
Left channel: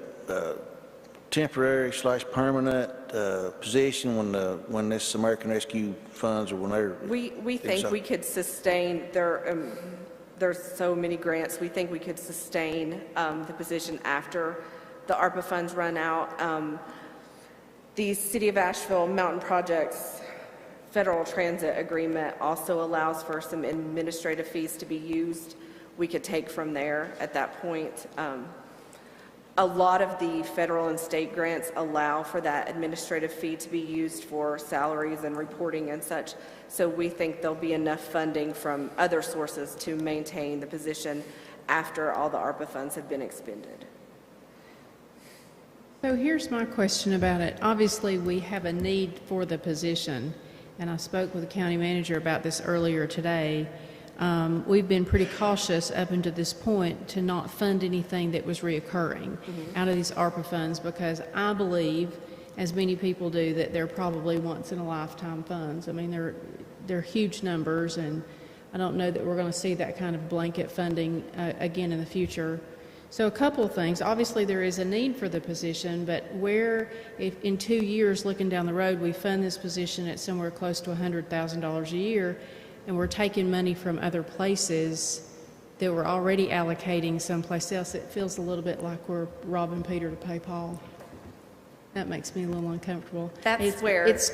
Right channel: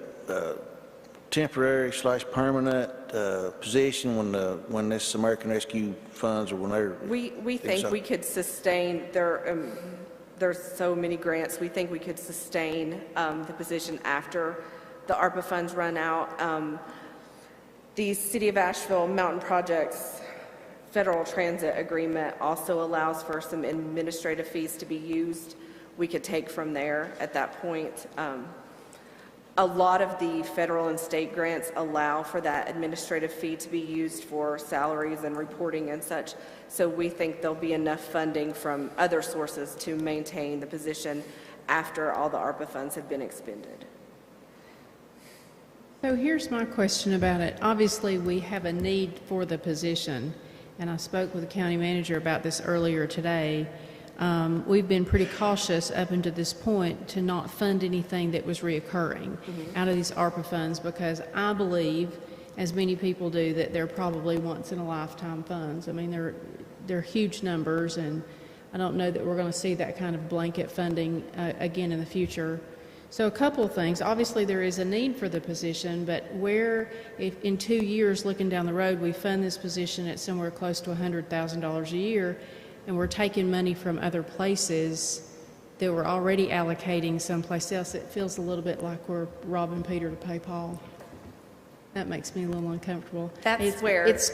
temporary / permanent position when this American Rescue Funds or whenever? We think we could sustain there's so many grants. We think we could sustain the position after the ARPA funds run out. The City of Asheville Mountain Projects Federal Transit Agreement also allows for some administrative fees to be used. We could take from there at that point. A lot of the federal and state grants allow for that administrative fee to be used for salaries and reporting and such. So we think there'll be enough funding from other sources to maintain the position after all the ARPA funds have been expended. So here's my question about it. Obviously, we have a need for the position, and I spoke with the county manager about this earlier today. We've been pretty cautious up until this point to not fund anything that was reoccurring out of these ARPA funds, because I believe as many people do, that they're probably once-in-a-lifetime funds. I mean, they're huge numbers, and I don't know that we're going to see that kind of blanket funding again in the future. So a couple of things. Obviously, there is a need for the position, but if in 2 years, looking down the road, we fund this position at somewhere close to $100,000 a year, and we're taking money from other places that we're already allocating someplace else, it feels a little bit like we're robbing Peter to pay Paul. That makes me a little uncomfortable. It's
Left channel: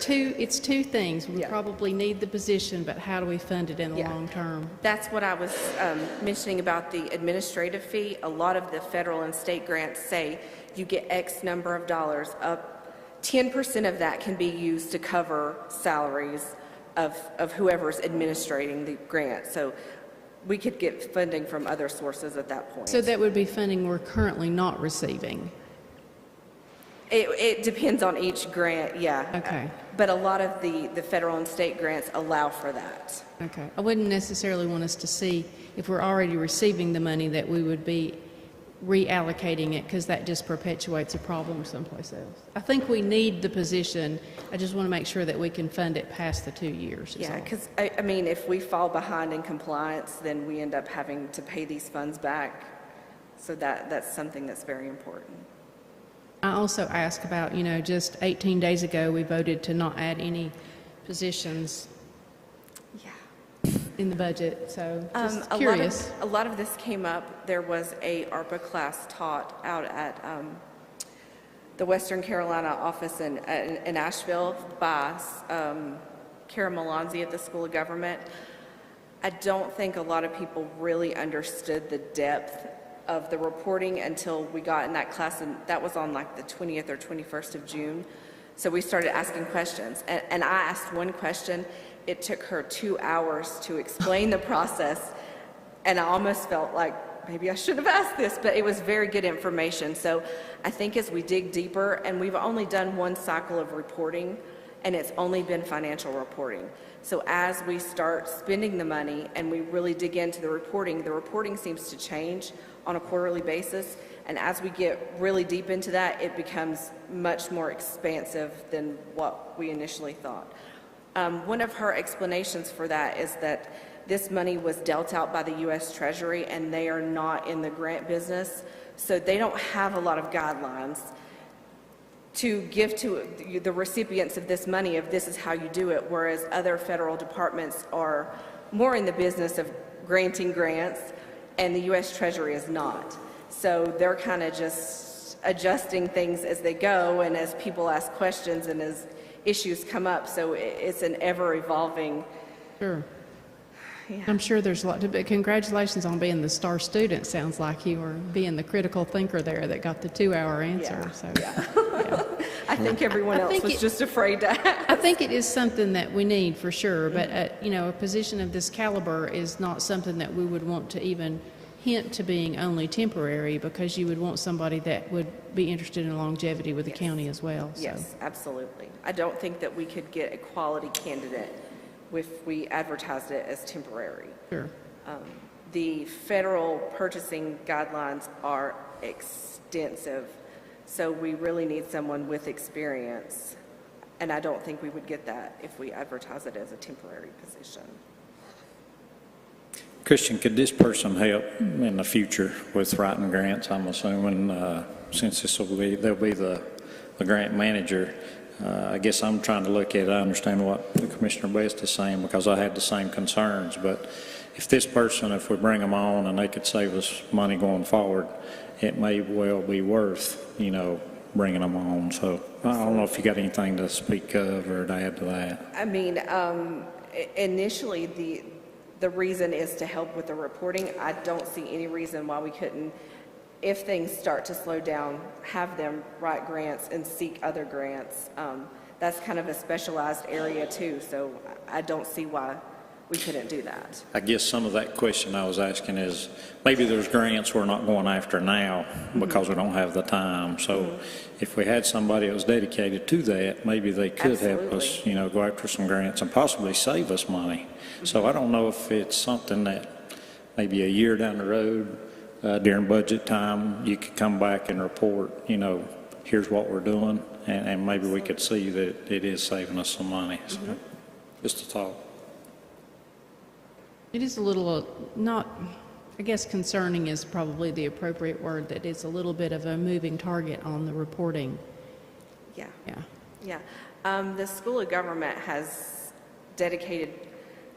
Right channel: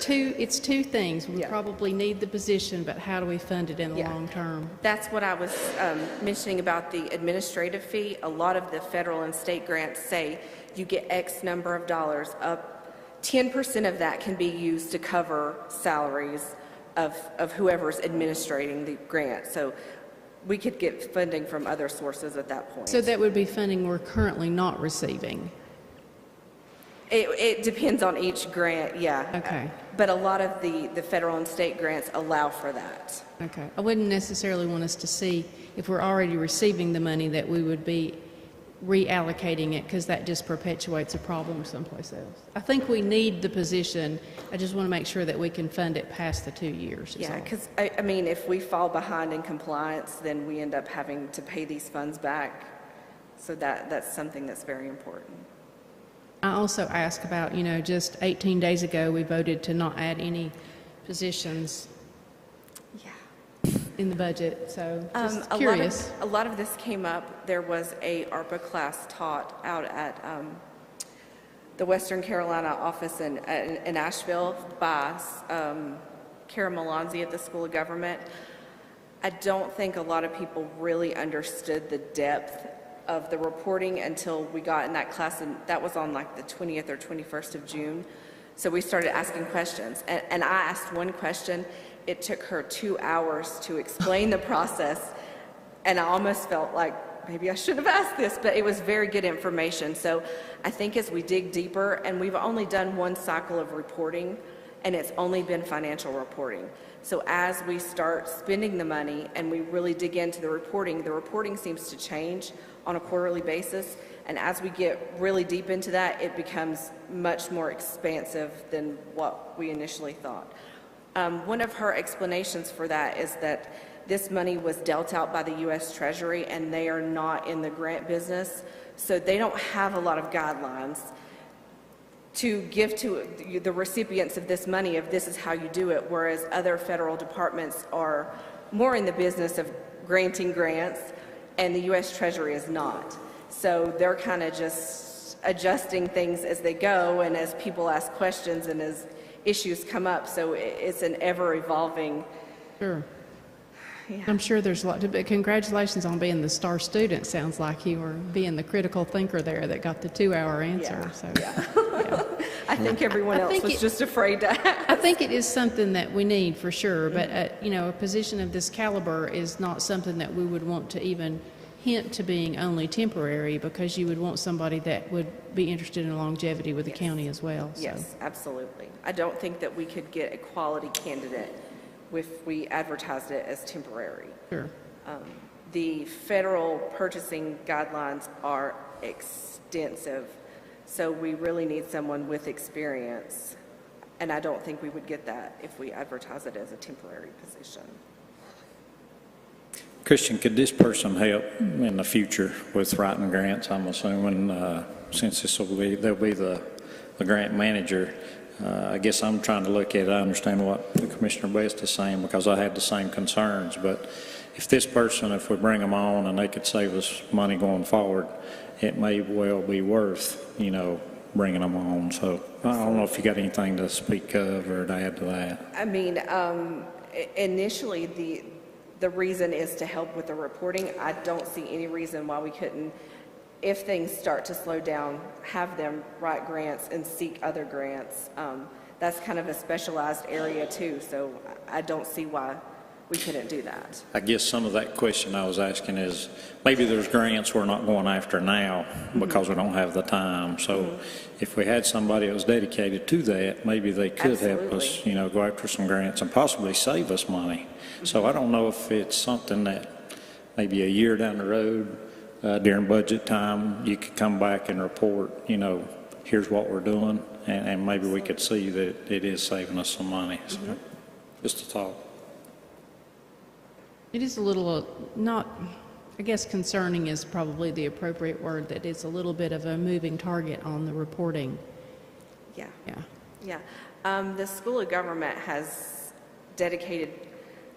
two things. We probably need the position, but how do we fund it in the long term? That's what I was mentioning about the administrative fee. A lot of the federal and state grants say you get X number of dollars. 10% of that can be used to cover salaries of whoever's administrating the grant. So we could get funding from other sources at that point. So that would be funding we're currently not receiving. It depends on each grant, yeah. Okay. But a lot of the federal and state grants allow for that. Okay. I wouldn't necessarily want us to see, if we're already receiving the money, that we would be reallocating it, because that just perpetuates a problem someplace else. I think we need the position. I just want to make sure that we can fund it past the 2 years. Yeah, because, I mean, if we fall behind in compliance, then we end up having to pay these funds back. So that's something that's very important. I also asked about, just 18 days ago, we voted to not add any positions in the budget, so just curious. A lot of this came up. There was a Arpa class taught out at the Western Carolina office in Asheville by Kara Malanzi at the School of Government. I don't think a lot of people really understood the depth of the reporting until we got in that class, and that was on like the 20th or 21st of June. So we started asking questions, and I asked one question. It took her 2 hours to explain the process, and I almost felt like maybe I should have asked this, but it was very good information. So I think as we dig deeper, and we've only done one cycle of reporting, and it's only been financial reporting. So as we start spending the money and we really dig into the reporting seems to change on a quarterly basis, and as we get really deep into that, it becomes much more expansive than what we initially thought. One of her explanations for that is that this money was dealt out by the U.S. Treasury, and they are not in the grant business, so they don't have a lot of guidelines to give to the recipients of this money of this is how you do it, whereas other federal departments are more in the business of granting grants, and the U.S. Treasury is not. So they're kind of just adjusting things as they go and as people ask questions and as issues come up. So it's an ever-evolving. Sure. Yeah. I'm sure there's a lot to, but congratulations on being the star student. Sounds like you were being the critical thinker there that got the 2-hour answer. Yeah. So, yeah. I think everyone else was just afraid to ask. I think it is something that we need for sure, but a position of this caliber is not something that we would want to even hint to being only temporary, because you would want somebody that would be interested in longevity with the county as well. So. Yes, absolutely. I don't think that we could get a quality candidate if we advertised it as temporary. Sure. The federal purchasing guidelines are extensive, so we really need someone with experience, and I don't think we would get that if we advertise it as a temporary position. Christian, could this person help in the future with writing grants? I'm assuming since they'll be the grant manager. I guess I'm trying to look at it. I understand what Commissioner Best is saying, because I had the same concerns. But if this person, if we bring them on and they could save us money going forward, it may well be worth, bringing them on. So I don't know if you got anything to speak of or to add to that. I mean, initially the reason is to help with the reporting. I don't see any reason why we couldn't, if things start to slow down, have them write grants and seek other grants. That's kind of a specialized area too, so I don't see why we couldn't do that. I guess some of that question I was asking is, maybe there's grants we're not going after now because we don't have the time. So if we had somebody that was dedicated to that, maybe they could help us, go after some grants and possibly save us money. So I don't know if it's something that maybe a year down the road, during budget time, you could come back and report, here's what we're doing, and maybe we could see that it is saving us some money. So, just a thought. It is a little, not, I guess concerning is probably the appropriate word, that it's a little bit of a moving target on the reporting. Yeah. Yeah. Yeah. The School of Government has dedicated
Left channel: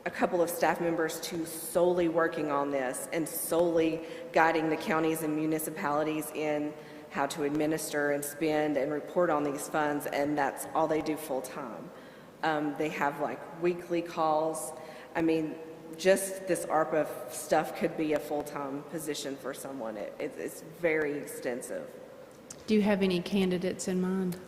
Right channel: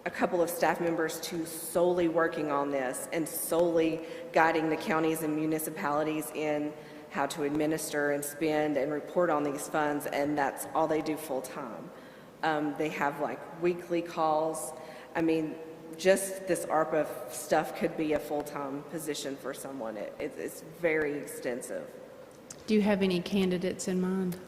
a couple of staff members to solely working on this and solely guiding the counties and municipalities in how to administer and spend and report on these funds, and that's all they do full time. They have like weekly calls. I mean, just this ARPA stuff could be a full-time position for someone. It's very extensive. Do you have any candidates in mind?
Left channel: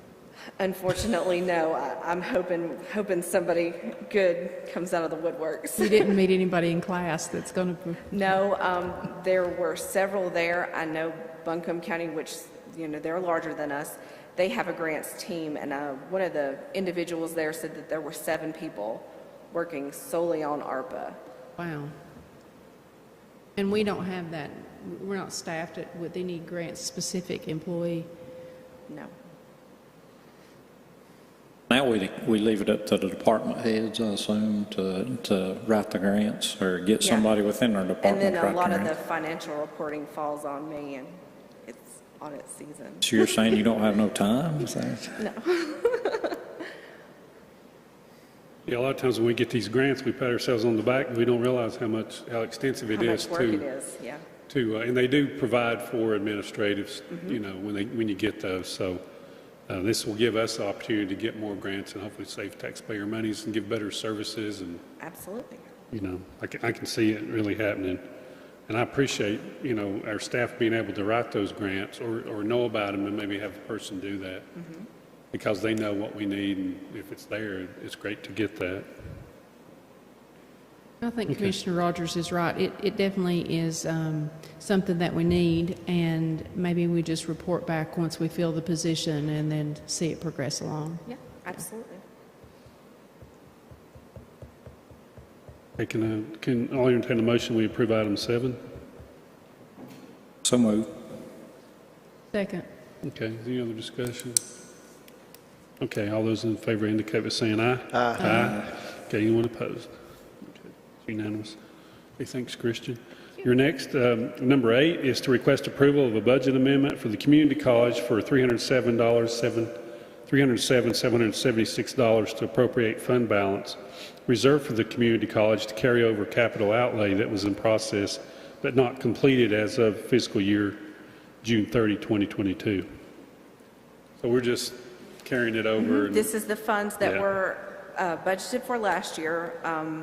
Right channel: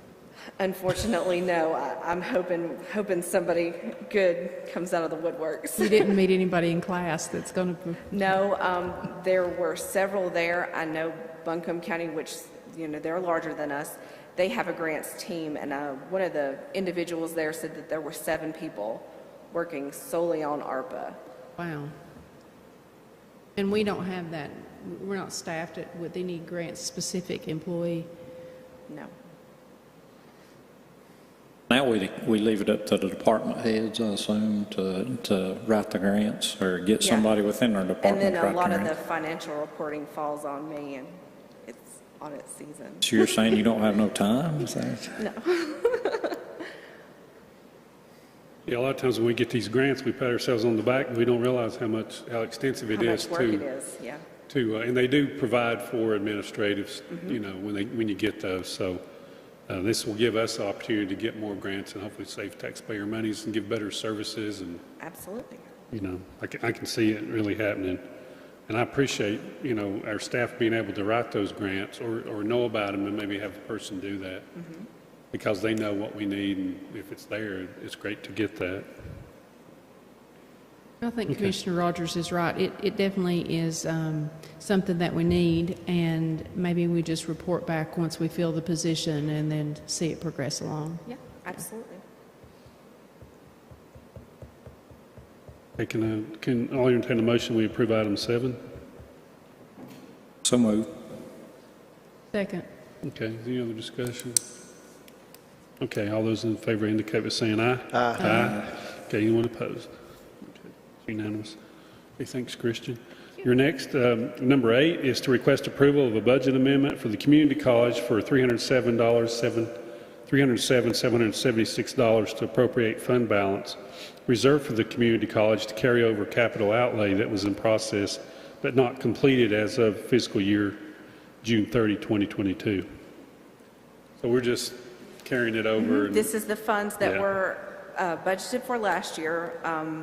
Unfortunately, no. I'm hoping somebody good comes out of the woodworks. You didn't meet anybody in class that's going to... No, there were several there. I know Buncombe County, which, you know, they're larger than us. They have a grants team, and one of the individuals there said that there were 7 people working solely on ARPA. Wow. And we don't have that. We're not staffed with any grant-specific employee. No. Now we leave it up to the department heads, I assume, to write the grants or get somebody within our department And to then write a lot the of the grants. financial reporting falls on me, and it's audit season. So you're saying you don't have no time? Is that- No. Yeah, a lot of times when we get these grants, we pat ourselves on the back and we don't realize how extensive it How is much work it is, yeah. and they do provide for administratives, you know, when you get those. So this will give us the opportunity to get more grants and hopefully save taxpayer monies and give better services. And, Absolutely. you know, I can see it really happening. And I appreciate, you know, our staff being able to write those grants or know about them and maybe have a person do that. Because they know what we need, and if it's there, it's great to get that. I think Commissioner Rogers is right. It definitely is something that we need, and maybe we just report back once we fill the position and then see it progress along. Yeah, absolutely. Okay, can I entertain a motion we approve item 7? So moved. Second. Okay, any other discussion? Okay, all those in favor indicate by saying aye. Aye. Okay, anyone opposed? Okay, unanimous. Okay, thanks, Christian. Your next, number 8, is to request approval of a budget amendment for the community college for $307,776 to appropriate fund balance reserved for the community college to carry over capital outlay that was in process but not completed as of fiscal year June 30, 2022. So we're just carrying it over. This is the funds that Yeah. were budgeted for last year.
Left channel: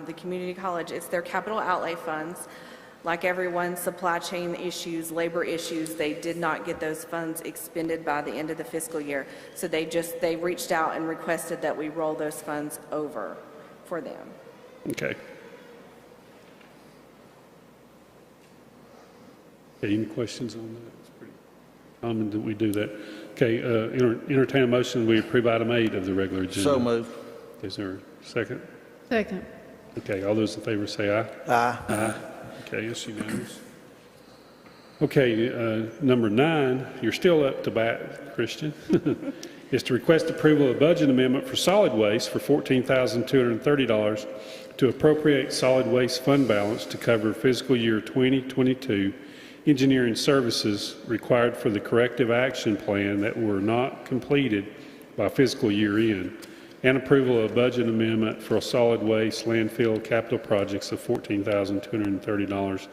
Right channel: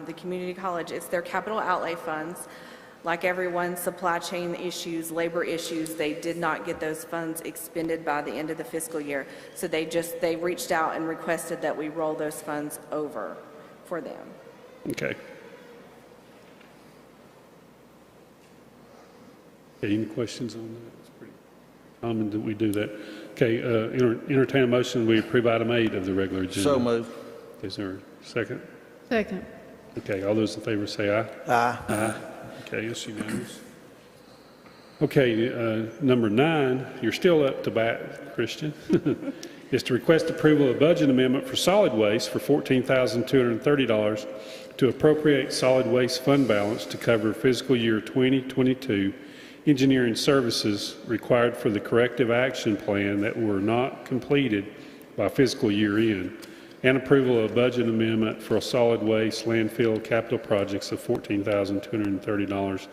The community college, it's their capital outlay funds. Like everyone, supply chain issues, labor issues, they did not get those funds expended by the end of the fiscal year. So they reached out and requested that we roll those funds over for them. Okay. Okay, any questions on that? It's pretty common that we do that. Okay, entertain a motion, we approve item 8 of the regular agenda. So moved. Is there a second? Second. Okay, all those in favor say aye. Aye. Aye. Okay, it's unanimous. Okay, number 9, you're still up to bat, Christian, is to request approval of budget amendment for solid waste for $14,230 to appropriate solid waste fund balance to cover fiscal year 2022 engineering services required for the corrective action plan that were not completed by fiscal year end, and approval of budget amendment for solid waste landfill capital projects of $14,230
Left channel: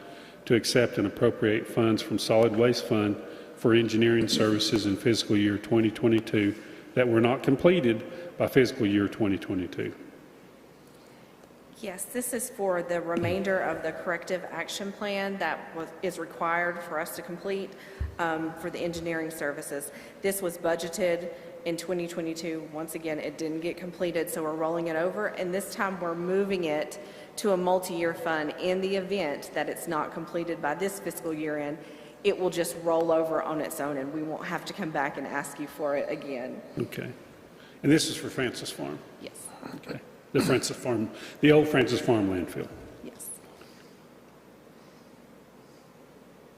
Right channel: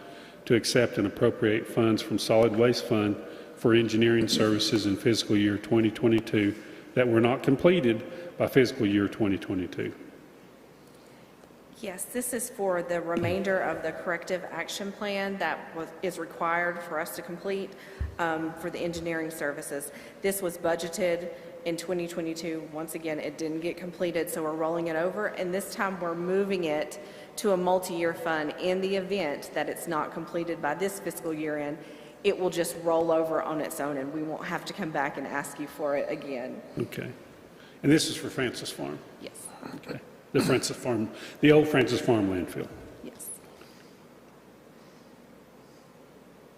to accept and appropriate funds from solid waste fund for engineering services in fiscal year 2022 that were not completed by fiscal year 2022. Yes, this is for the remainder of the corrective action plan that is required for us to complete for the engineering services. This was budgeted in 2022. Once again, it didn't get completed, so we're rolling it over, and this time we're moving it to a multi-year fund. In the event that it's not completed by this fiscal year end, it will just roll over on its own, and we won't have to come back and ask you for it again. Okay. And this is for Francis Farm? Yes. Okay. The Francis Farm, the old Francis Farm landfill. Yes.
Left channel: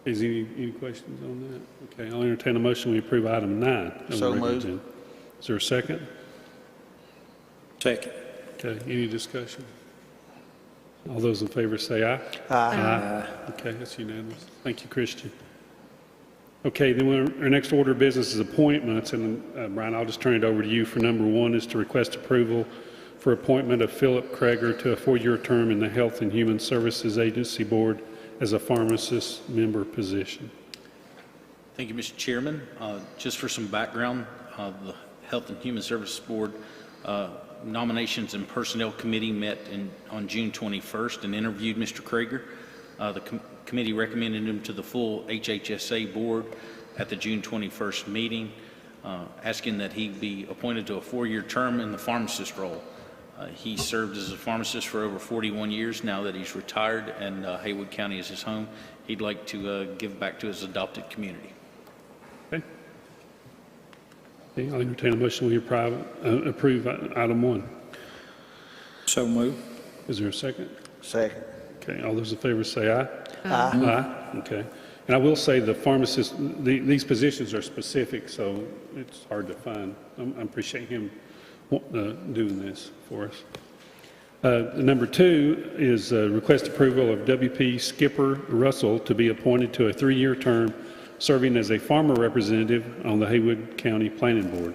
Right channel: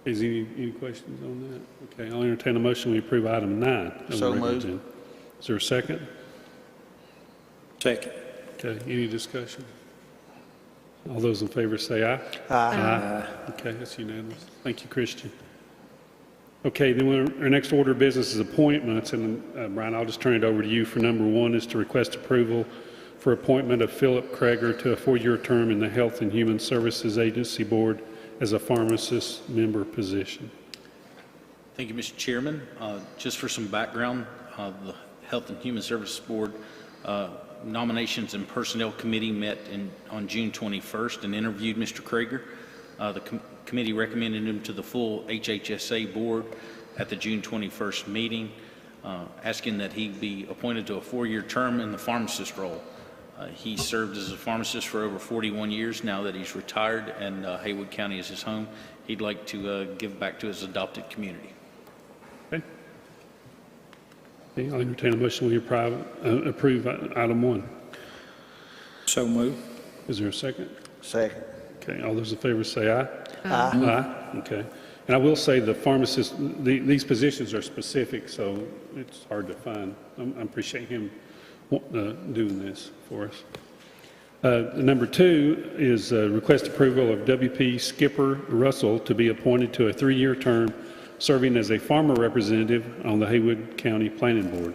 Is any questions on that? Okay, I'll entertain a motion we approve item 9. So moved. Is there a second? Second. Okay, any discussion? All those in favor say aye. Aye. Okay, that's unanimous. Thank you, Christian. Okay, then our next order of business is appointments, and Brian, I'll just turn it over to you for number one is to request approval for appointment of Philip Kreger to a 4-year term in the Health and Human Services Agency Board as a pharmacist member position. Thank you, Mr. Chairman. Just for some background, the Health and Human Services Board Nominations and Personnel Committee met on June 21st and interviewed Mr. Kreger. The committee recommended him to the full HHSA board at the June 21st meeting, asking that he be appointed to a 4-year term in the pharmacist role. He served as a pharmacist for over 41 years now that he's retired, and Haywood County is his home. He'd like to give back to his adopted community. Okay. I'll entertain a motion we approve item 1. So move. Is there a second? Second. Okay, all those in favor say aye. Aye. Okay. And I will say the pharmacist, these positions are specific, so it's hard to find. I appreciate him doing this for us. Number 2 is request approval of WP Skipper Russell to be appointed to a 3-year term serving as a farmer representative on the Haywood County Planning Board.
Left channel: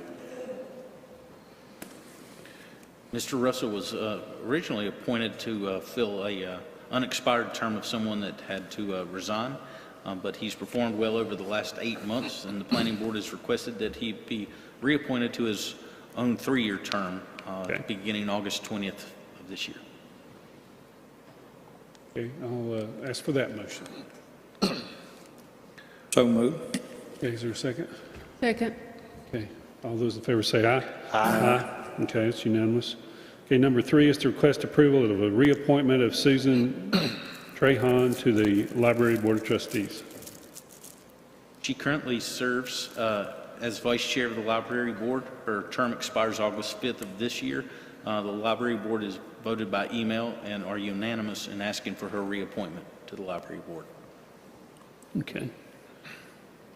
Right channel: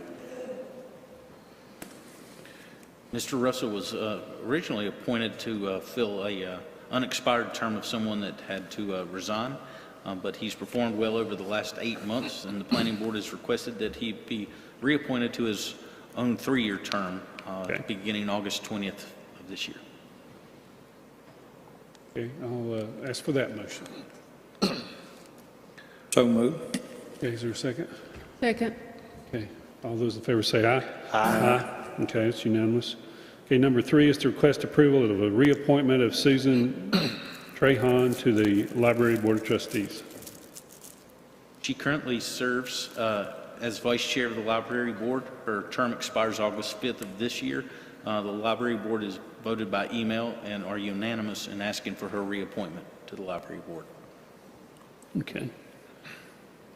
Mr. Russell was originally appointed to fill a unexpired term of someone that had to resign, but he's performed well over the last 8 months, and the Planning Board has requested that he be reappointed to his own 3-year term beginning August 20th of this year. Okay, I'll ask for that motion. So move. Okay, is there a second? Second. Okay, all those in favor say aye. Aye. Okay, it's unanimous. Okay, number 3 is to request approval of a reappointment of Susan Trahan to the Library Board of Trustees. She currently serves as Vice Chair of the Library Board. Her term expires August 5th of this year. The Library Board is voted by email and are unanimous in asking for her reappointment to the Library Board. Okay.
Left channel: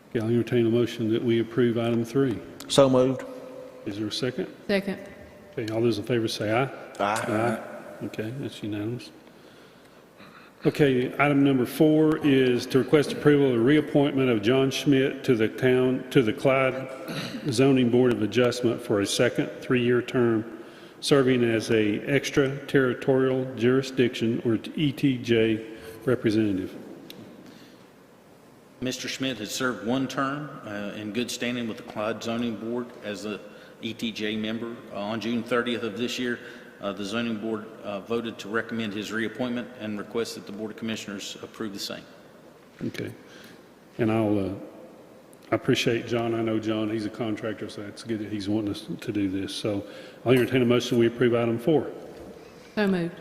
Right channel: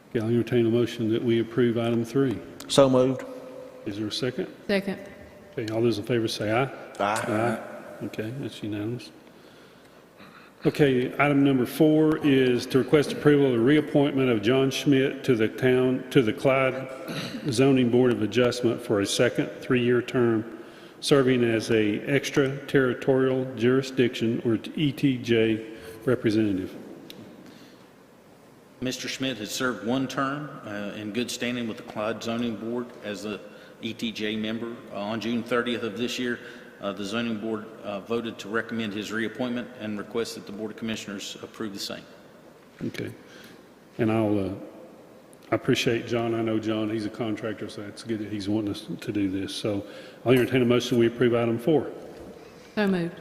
Okay, I'll entertain a motion that we approve item 3. So moved. Is there a second? Second. Okay, all those in favor say aye. Aye. Okay, that's unanimous. Okay, item number 4 is to request approval of reappointment of John Schmidt to the Clyde Zoning Board of Adjustment for a second 3-year term, serving as a extraterritorial jurisdiction or ETJ representative. Mr. Schmidt has served 1 term in good standing with the Clyde Zoning Board as the ETJ member. On June 30th of this year, the Zoning Board voted to recommend his reappointment and request that the Board of Commissioners approve the same. Okay. And I appreciate John. I know John, he's a contractor, so it's good that he's wanting us to do this. So I'll entertain a motion we approve item 4. So moved.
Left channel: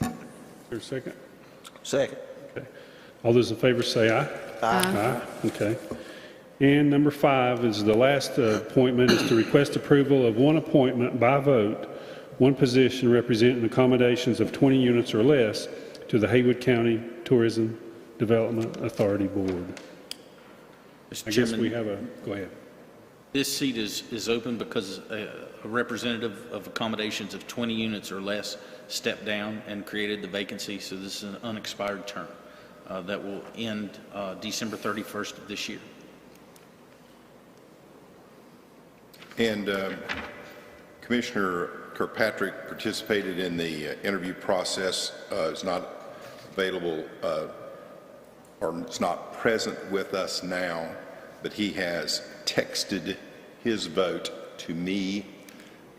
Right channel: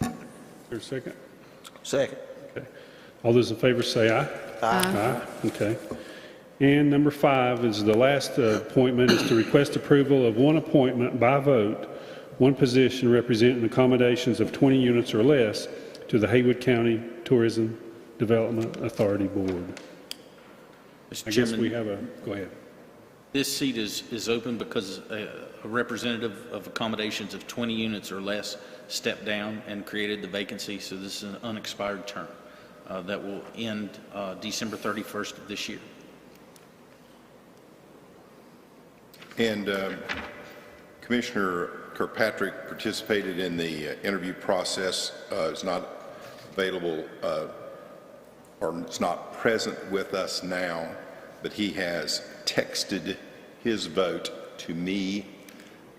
Is there a second? Second. Okay. All those in favor say aye. Aye. Okay. And number 5 is the last appointment is to request approval of 1 appointment by vote, 1 position representing accommodations of 20 units or less to the Haywood County Tourism Development Authority Board. I guess we have go ahead. This seat is open because a representative of accommodations of 20 units or less stepped down and created the vacancy, so this is an unexpired term that will end December 31st of this year. And Commissioner Kirkpatrick participated in the interview process. Is not available or it's not present with us now, but he has texted his vote to me,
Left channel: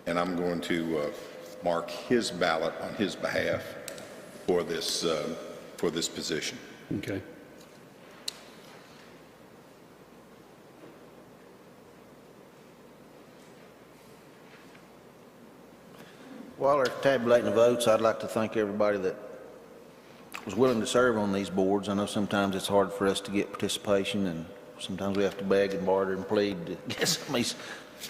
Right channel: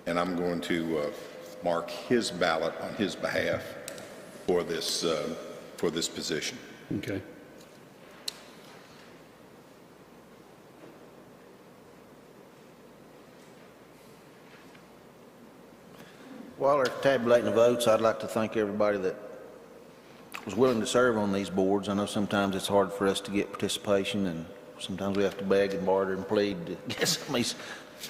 and I'm going to mark his ballot on his behalf for this position. Okay. While they're tabulating the votes, I'd like to thank everybody that was willing to serve on these boards. I know sometimes it's hard for us to get participation, and sometimes we have to beg and barter and plead to get some of these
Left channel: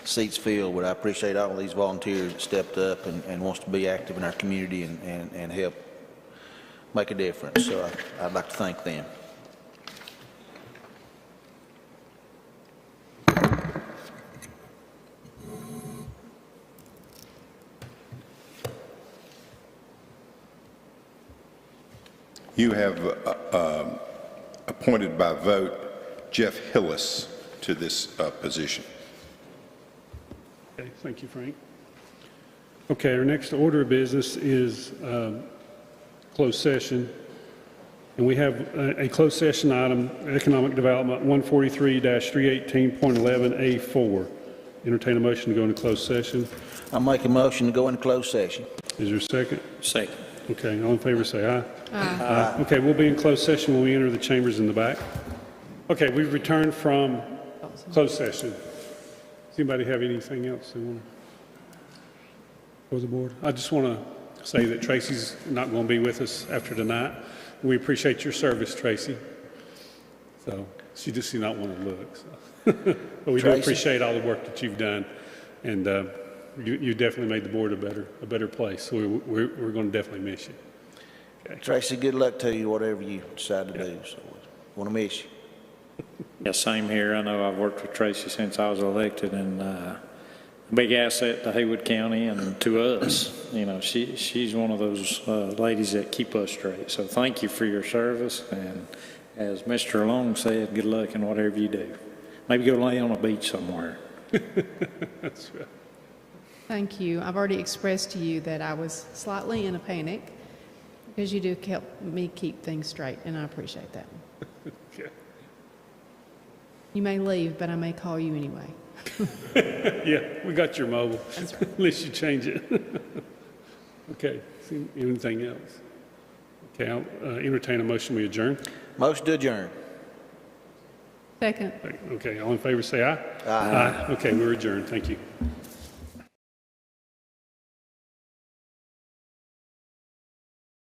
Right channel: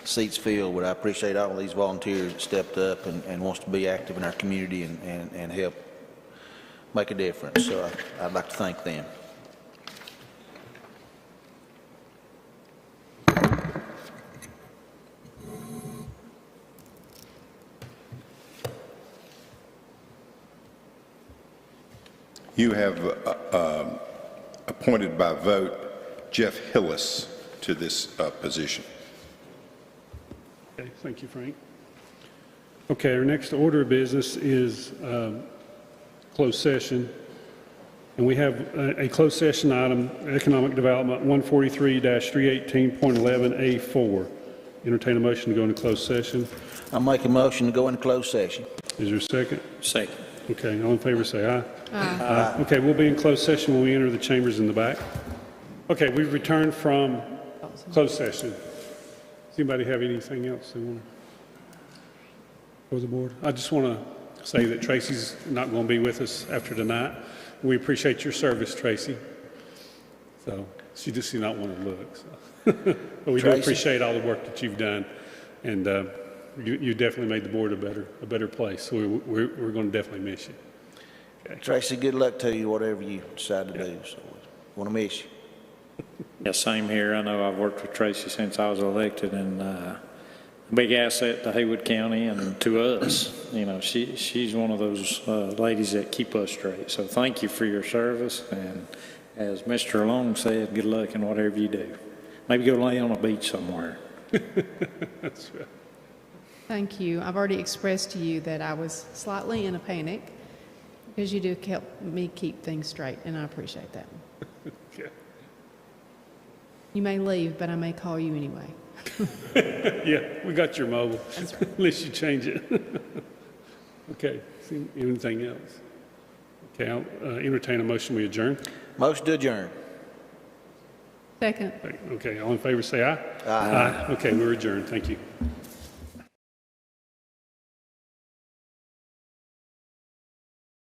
seats filled, but I appreciate all of these volunteers that stepped up and wants to be active in our community and help make a difference. So I'd like to thank them. you have appointed by vote Jeff Hillis to this position. Okay, thank you, Frank. Okay, our next order of business is closed session. And we have a closed session item, Economic Development 143-318.11A4. Entertain a motion to go into closed session. I'll make a motion to go into closed session. Is there a second? Second. Okay, all in favor say aye. Aye. Okay, we'll be in closed session when we enter the chambers in the back. Okay, we've returned from closed session. Does anybody have anything else they want for the board? I just want to say that Tracy's not going to be with us after tonight. We appreciate your service, Tracy. So she just did not want to look. So. But we do appreciate all the work that you've done, and you definitely made the board a better place. So we're going to definitely miss you. Okay. Tracy, good luck to you, whatever you decide to do. So, want to miss you. Yeah, same here. I know I've worked with Tracy since I was elected, and big asset to Haywood County and to us. You know, she's one of those ladies that keep us straight. So thank you for your service, and as Mr. Long said, good luck in whatever you do. Maybe go lay on a beach somewhere. That's right. Thank you. I've already expressed to you that I was slightly in a panic because you do help me keep things straight, and I appreciate that. Okay. You may leave, but I may call you anyway. Yeah, we got your mobile. That's right. Unless you change it. Okay. Anything else? Okay, I'll entertain a motion. We adjourn. Motion to adjourn. Second. Okay, all in favor say aye. Aye. Okay, we're adjourned. Thank you.